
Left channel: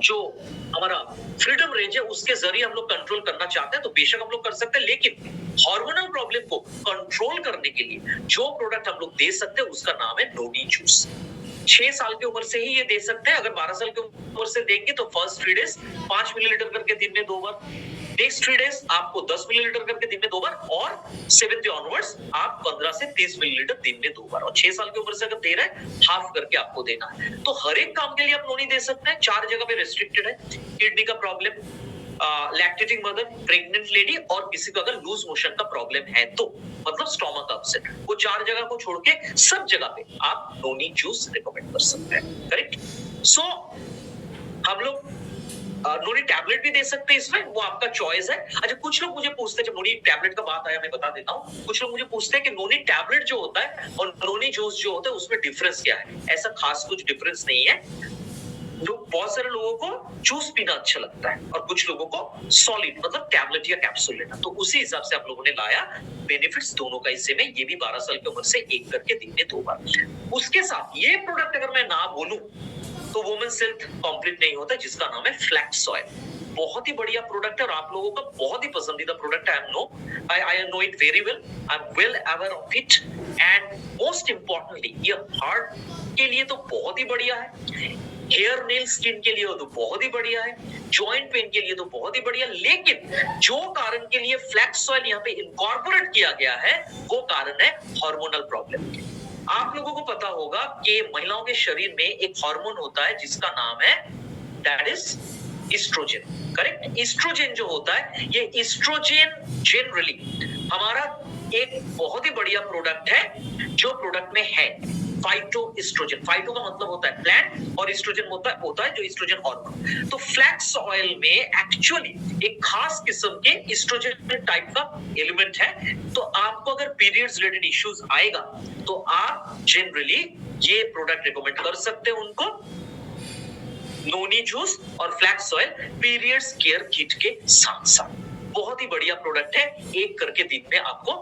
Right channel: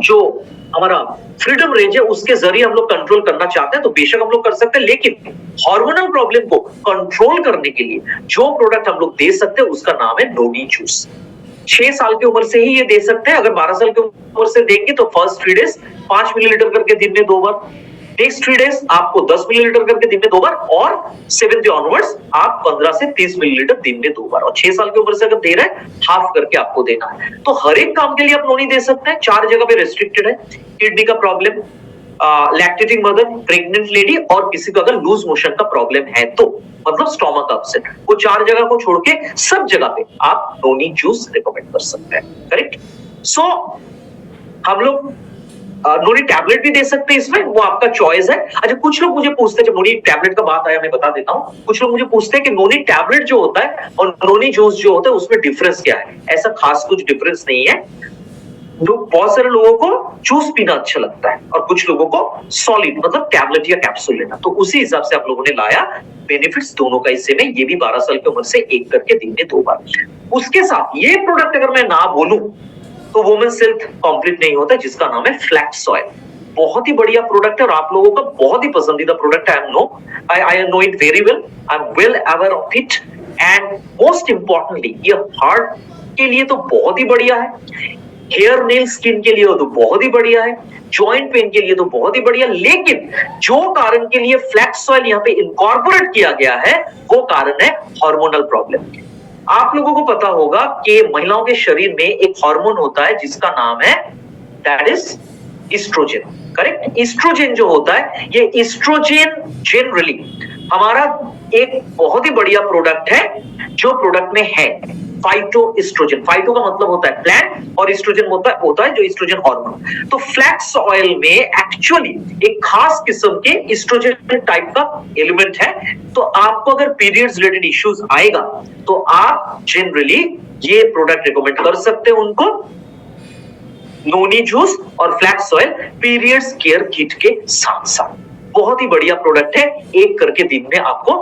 जो हमारा फ्रीडम रेंज है उसके जरिए हम लोग कंट्रोल करना चाहते हैं तो बेशक हम लोग कर सकते हैं। लेकिन हार्मोनल प्रॉब्लम को कंट्रोल करने के लिए जो प्रोडक्ट हम लोग दे सकते हैं उसका नाम है नोनी जूस। 6 साल की उम्र से ही ये दे सकते हैं। अगर 12 साल की उम्र से देंगे तो फर्स्ट 3 डेज 5 मिलीलीटर करके दिन में 2 बार, नेक्स्ट 3 डेज आपको 10 मिलीलीटर करके दिन में 2 बार, और 7th डे ऑनवर्ड्स आप 15 से 30 मिलीलीटर दिन में 2 बार, और 6 साल की उम्र से अगर दे रहे हैं हाफ करके आपको देना है। तो हर एक काम के लिए आप नोनी दे सकते हैं। 4 जगह पे रेस्ट्रिक्टेड है, किडनी का problem, lactating mother, pregnant lady, और किसी को अगर लूज मोशन का प्रॉब्लम है तो, मतलब स्टोमक अपसेट, वो 4 जगह को छोड़ के सब जगह पे आप नोनी जूस रिकमेंड कर सकते हैं। करेक्ट। सो हम लोग नोनी टैबलेट भी दे सकते हैं इसमें, वो आपका चॉइस है। अच्छा, कुछ लोग मुझे पूछते हैं, जब नोनी टैबलेट का बात आया मैं बता देता हूँ, कुछ लोग मुझे पूछते हैं कि नोनी टैबलेट जो होता है और नोनी जूस जो होता है उसमें डिफरेंस क्या है। ऐसा खास कुछ डिफरेंस नहीं है। बहुत सारे लोगों को जूस पीना अच्छा लगता है और कुछ लोगों को सॉलिड मतलब टैबलेट या कैप्सूल लेना, तो उसी हिसाब से आप लोगों ने लाया बेनिफिट्स दोनों का इससे में। ये भी 12 साल की उम्र से एक करके दिन में 2 बार। उसके साथ ये प्रोडक्ट अगर मैं ना बोलूं तो वुमेन्स हेल्थ कंप्लीट नहीं होता, जिसका नाम है फ्लैक्स ऑयल। बहुत ही बढ़िया प्रोडक्ट है और आप लोगों का बहुत ही पसंदीदा प्रोडक्ट है। I know it very well, I am well aware of it, and most importantly ये हार्ट के लिए तो बहुत ही बढ़िया है, हेयर नेल स्किन के लिए तो बहुत ही बढ़िया है, जॉइंट पेन के लिए तो बहुत ही बढ़िया। लेकिन जो कारण के लिए फ्लैक्स ऑयल यहाँ पे इनकॉर्पोरेट किया गया है वो कारण है हार्मोनल प्रॉब्लम। आप लोगों को पता होगा कि महिलाओं के शरीर में एक हार्मोन होता है जिसका नाम है that is estrogen. Correct. Estrogen जो होता है, ये इस्ट्रोजन जनरली हमारा एक बहुत ही बढ़िया प्रोडक्ट है जो प्रोडक्ट में है फाइटो इस्ट्रोजन। फाइटो का मतलब होता है प्लांट और इस्ट्रोजन होता है जो इस्ट्रोजन हार्मोन। तो फ्लैक्स ऑयल में एक्चुअली एक खास किस्म के इस्ट्रोजन टाइप का एलिमेंट है। तो आपको अगर पीरियड्स रिलेटेड इश्यूज आएगा तो आप जनरली ये प्रोडक्ट रिकमेंड कर सकते हैं उनको, नोनी जूस और flax oil periods care kit के साथ साथ। बहुत ही बढ़िया प्रोडक्ट है। एक करके दिन में आपको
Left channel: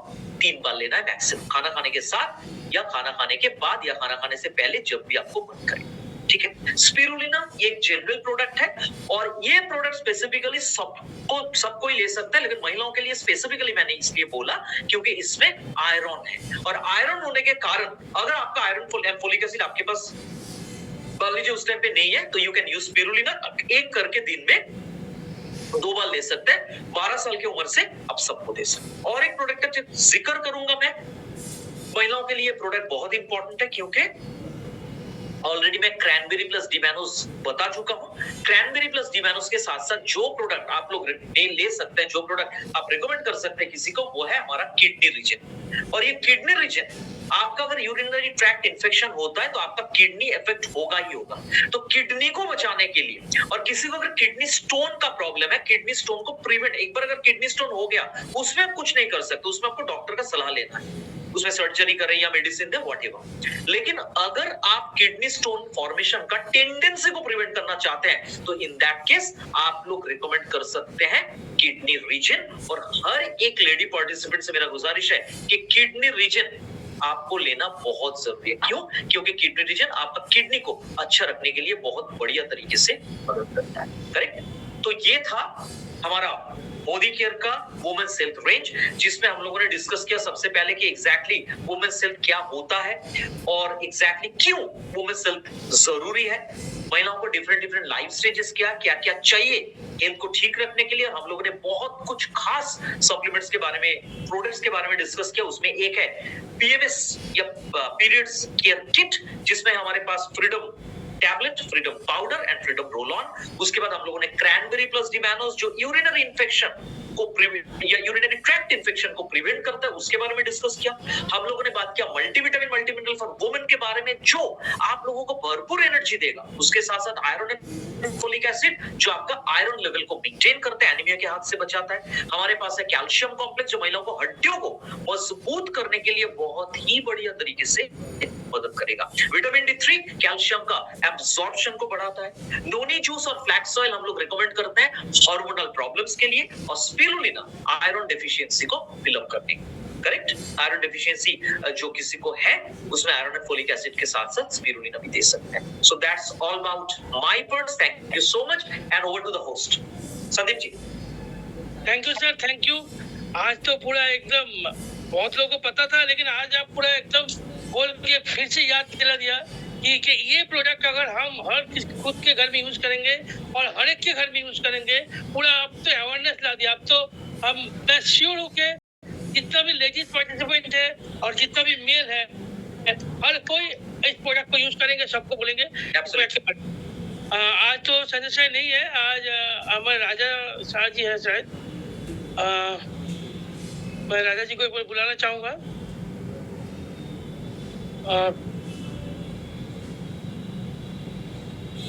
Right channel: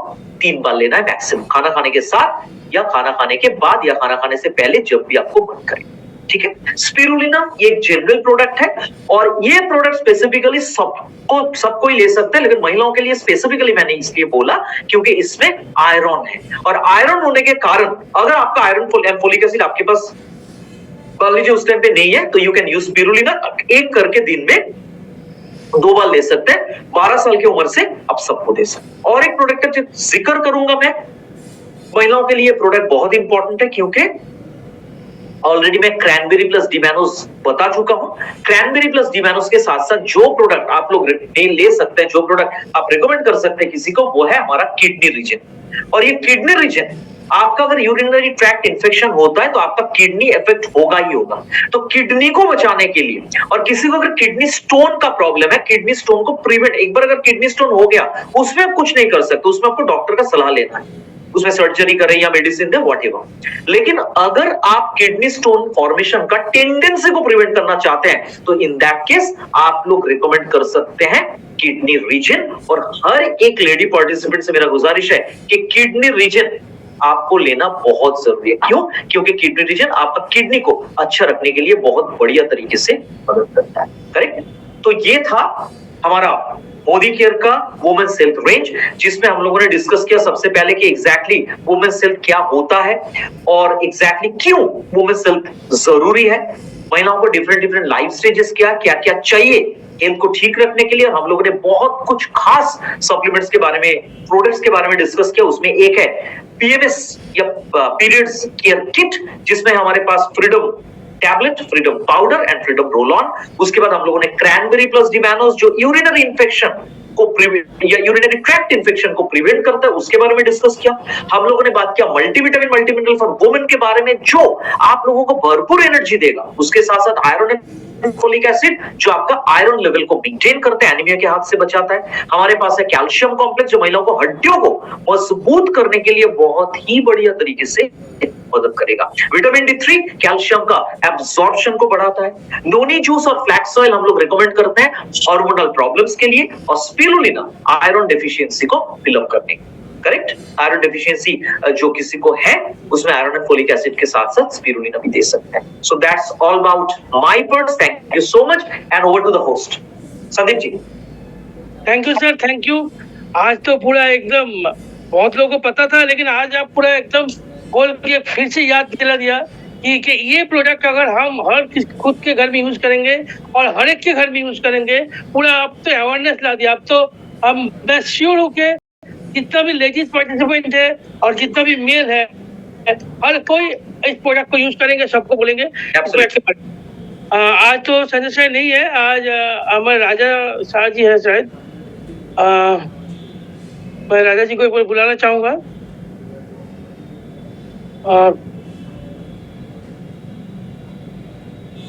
3 बार लेना है मैक्सिमम, खाना खाने के साथ या खाना खाने के बाद या खाना खाने से पहले, जब भी आपको मन करे। ठीक है। स्पिरुलिना ये एक जनरल प्रोडक्ट है और ये प्रोडक्ट स्पेसिफिकली सबको ही ले सकते हैं, लेकिन महिलाओं के लिए स्पेसिफिकली मैंने इसलिए बोला क्योंकि इसमें आयरन है, और आयरन होने के कारण अगर आपका आयरन फोलिक एसिड आपके पास मान लीजिए उस टाइम पे नहीं है तो यू कैन यूज स्पिरुलिना। एक करके दिन में 2 बार ले सकते हैं। 12 साल की उम्र से आप सबको दे सकते हैं। और एक प्रोडक्ट का जिक्र करूंगा मैं, महिलाओं के लिए प्रोडक्ट बहुत इंपॉर्टेंट है क्योंकि ऑलरेडी मैं क्रैनबेरी प्लस डिमैनोस बता चुका हूं। क्रैनबेरी प्लस डिमैनोस के साथ साथ जो प्रोडक्ट आप लोग ले सकते हैं, जो प्रोडक्ट आप रिकमेंड कर सकते हैं किसी को, वो है हमारा किडनी रीजन। और ये किडनी रीजन आपका अगर यूरिनरी ट्रैक्ट इन्फेक्शन होता है तो आपका किडनी इफेक्ट होगा ही होगा। तो किडनी को बचाने के लिए, और किसी को अगर किडनी स्टोन का प्रॉब्लम है, किडनी स्टोन को प्रिवेंट, एक बार अगर किडनी स्टोन हो गया उसमें आप कुछ नहीं कर सकते, उसमें आपको डॉक्टर का सलाह लेना है, उसमें सर्जरी करें या मेडिसिन दे व्हाटएवर। लेकिन अगर आप किडनी स्टोन फॉर्मेशन का टेंडेंसी को प्रिवेंट करना चाहते हैं तो इन दैट केस आप लोग रिकमेंड कर सकते हैं किडनी रीजन। और हर एक लेडी पार्टिसिपेंट से मेरा गुजारिश है कि किडनी रीजन आपको लेना बहुत जरूरी है। क्यों? क्योंकि किडनी रीजन आपका किडनी को अच्छा रखने के लिए बहुत बढ़िया तरीके से मदद करता है। करेक्ट। तो ये था हमारा मोदी केयर का वुमेन्स हेल्थ रेंज, जिसमें हम लोगों ने डिस्कस किया सबसे पहले कि एग्जैक्टली वुमेन्स हेल्थ क्या होता है और एग्जैक्टली क्यों वुमेन्स हेल्थ जरूरी है, महिलाओं को डिफरेंट लाइफ स्टेजेस क्या क्या चाहिए हेल्थ को ठीक रखने के लिए। हम लोगों ने बहुत कुछ खास सप्लीमेंट्स के बारे में, प्रोडक्ट्स के बारे में डिस्कस किया। उसमें एक है पीएमएस या पीरियड्स केयर किट, जिसमें हमारे पास freedom tablet, freedom powder and freedom roll on. उसके बाद हम लोगों ने क्रैनबेरी प्लस डिमैनोस जो यूरिनरी इन्फेक्शन को या यूरिनरी ट्रैक्ट इन्फेक्शन को प्रिवेंट करता है, उसके बारे में डिस्कस किया। हम लोगों ने बात किया मल्टीविटामिन मल्टीमिनरल फॉर वुमेन के बारे में, जो आप लोगों को भरपूर एनर्जी देगा। उसके साथ साथ आयरन एंड फोलिक एसिड जो आपका आयरन लेवल को मेंटेन करते हैं, एनीमिया के हाथ से बचाता है। हमारे पास है कैल्शियम कॉम्प्लेक्स जो महिलाओं को हड्डियों को मजबूत करने के लिए बहुत ही बढ़िया तरीके से मदद करेगा। विटामिन D3 कैल्शियम का एब्जॉर्प्शन को बढ़ाता है। नोनी जूस और फ्लैक्स ऑयल हम लोग रिकमेंड करते हैं हार्मोनल प्रॉब्लम्स के लिए, और स्पिरुलिना आयरन डेफिशिएंसी को फिल अप करने। करेक्ट। आयरन डेफिशिएंसी जो किसी को है उसमें आयरन एंड फोलिक एसिड के साथ साथ स्पिरुलिना भी दे सकते हैं। So that's all about my parts. Thank you so much and over to the host Sandeep ji. Thank you sir, thank you. आज तो पूरा एकदम बहुत लोगों को पता था, लेकिन आज आप पूरा एकदम खोल के फिर से याद दिला दिया कि ये प्रोडक्ट अगर हम खुद के घर में यूज करेंगे और हर एक के घर में यूज करेंगे, पूरा अब तो अवेयरनेस ला दिया। अब तो मैं श्योर हूँ कि जितना भी लेडीज पार्टिसिपेंट है और जितना भी मेल है, हर कोई इस प्रोडक्ट को यूज करेंगे, सबको बोलेंगे। आज तो संजय सर नहीं है, आज हमारे राजा शाह जी है शायद। मैं राजा जी को बुलाना चाहूंगा।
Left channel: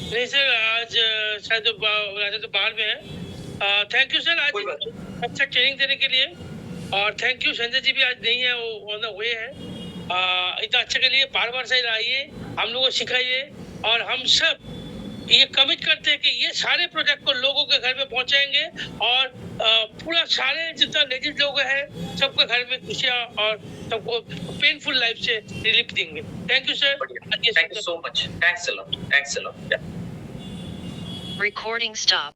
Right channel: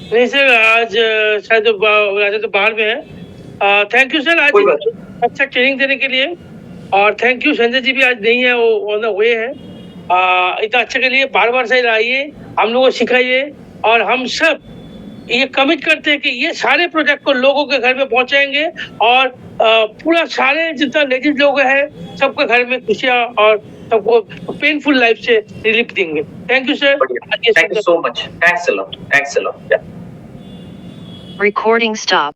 नहीं सर, आज शायद राजा तो बाहर में है। थैंक यू सर आज अच्छा ट्रेनिंग देने के लिए, और थैंक यू संजय जी भी आज नहीं है, वो ऑन द वे है। इतना अच्छा के लिए बार बार से आइए, हम लोगों को सिखाइए, और हम सब ये कमिट करते हैं कि ये सारे प्रोजेक्ट को लोगों के घर में पहुंचाएंगे, और पूरा सारे जितना लेडीज लोग हैं सबके घर में खुशियां और सबको पेनफुल लाइफ से रिलीफ देंगे। Thank you sir. Thank you so much. Thanks a lot. Thanks a lot. Recording stop.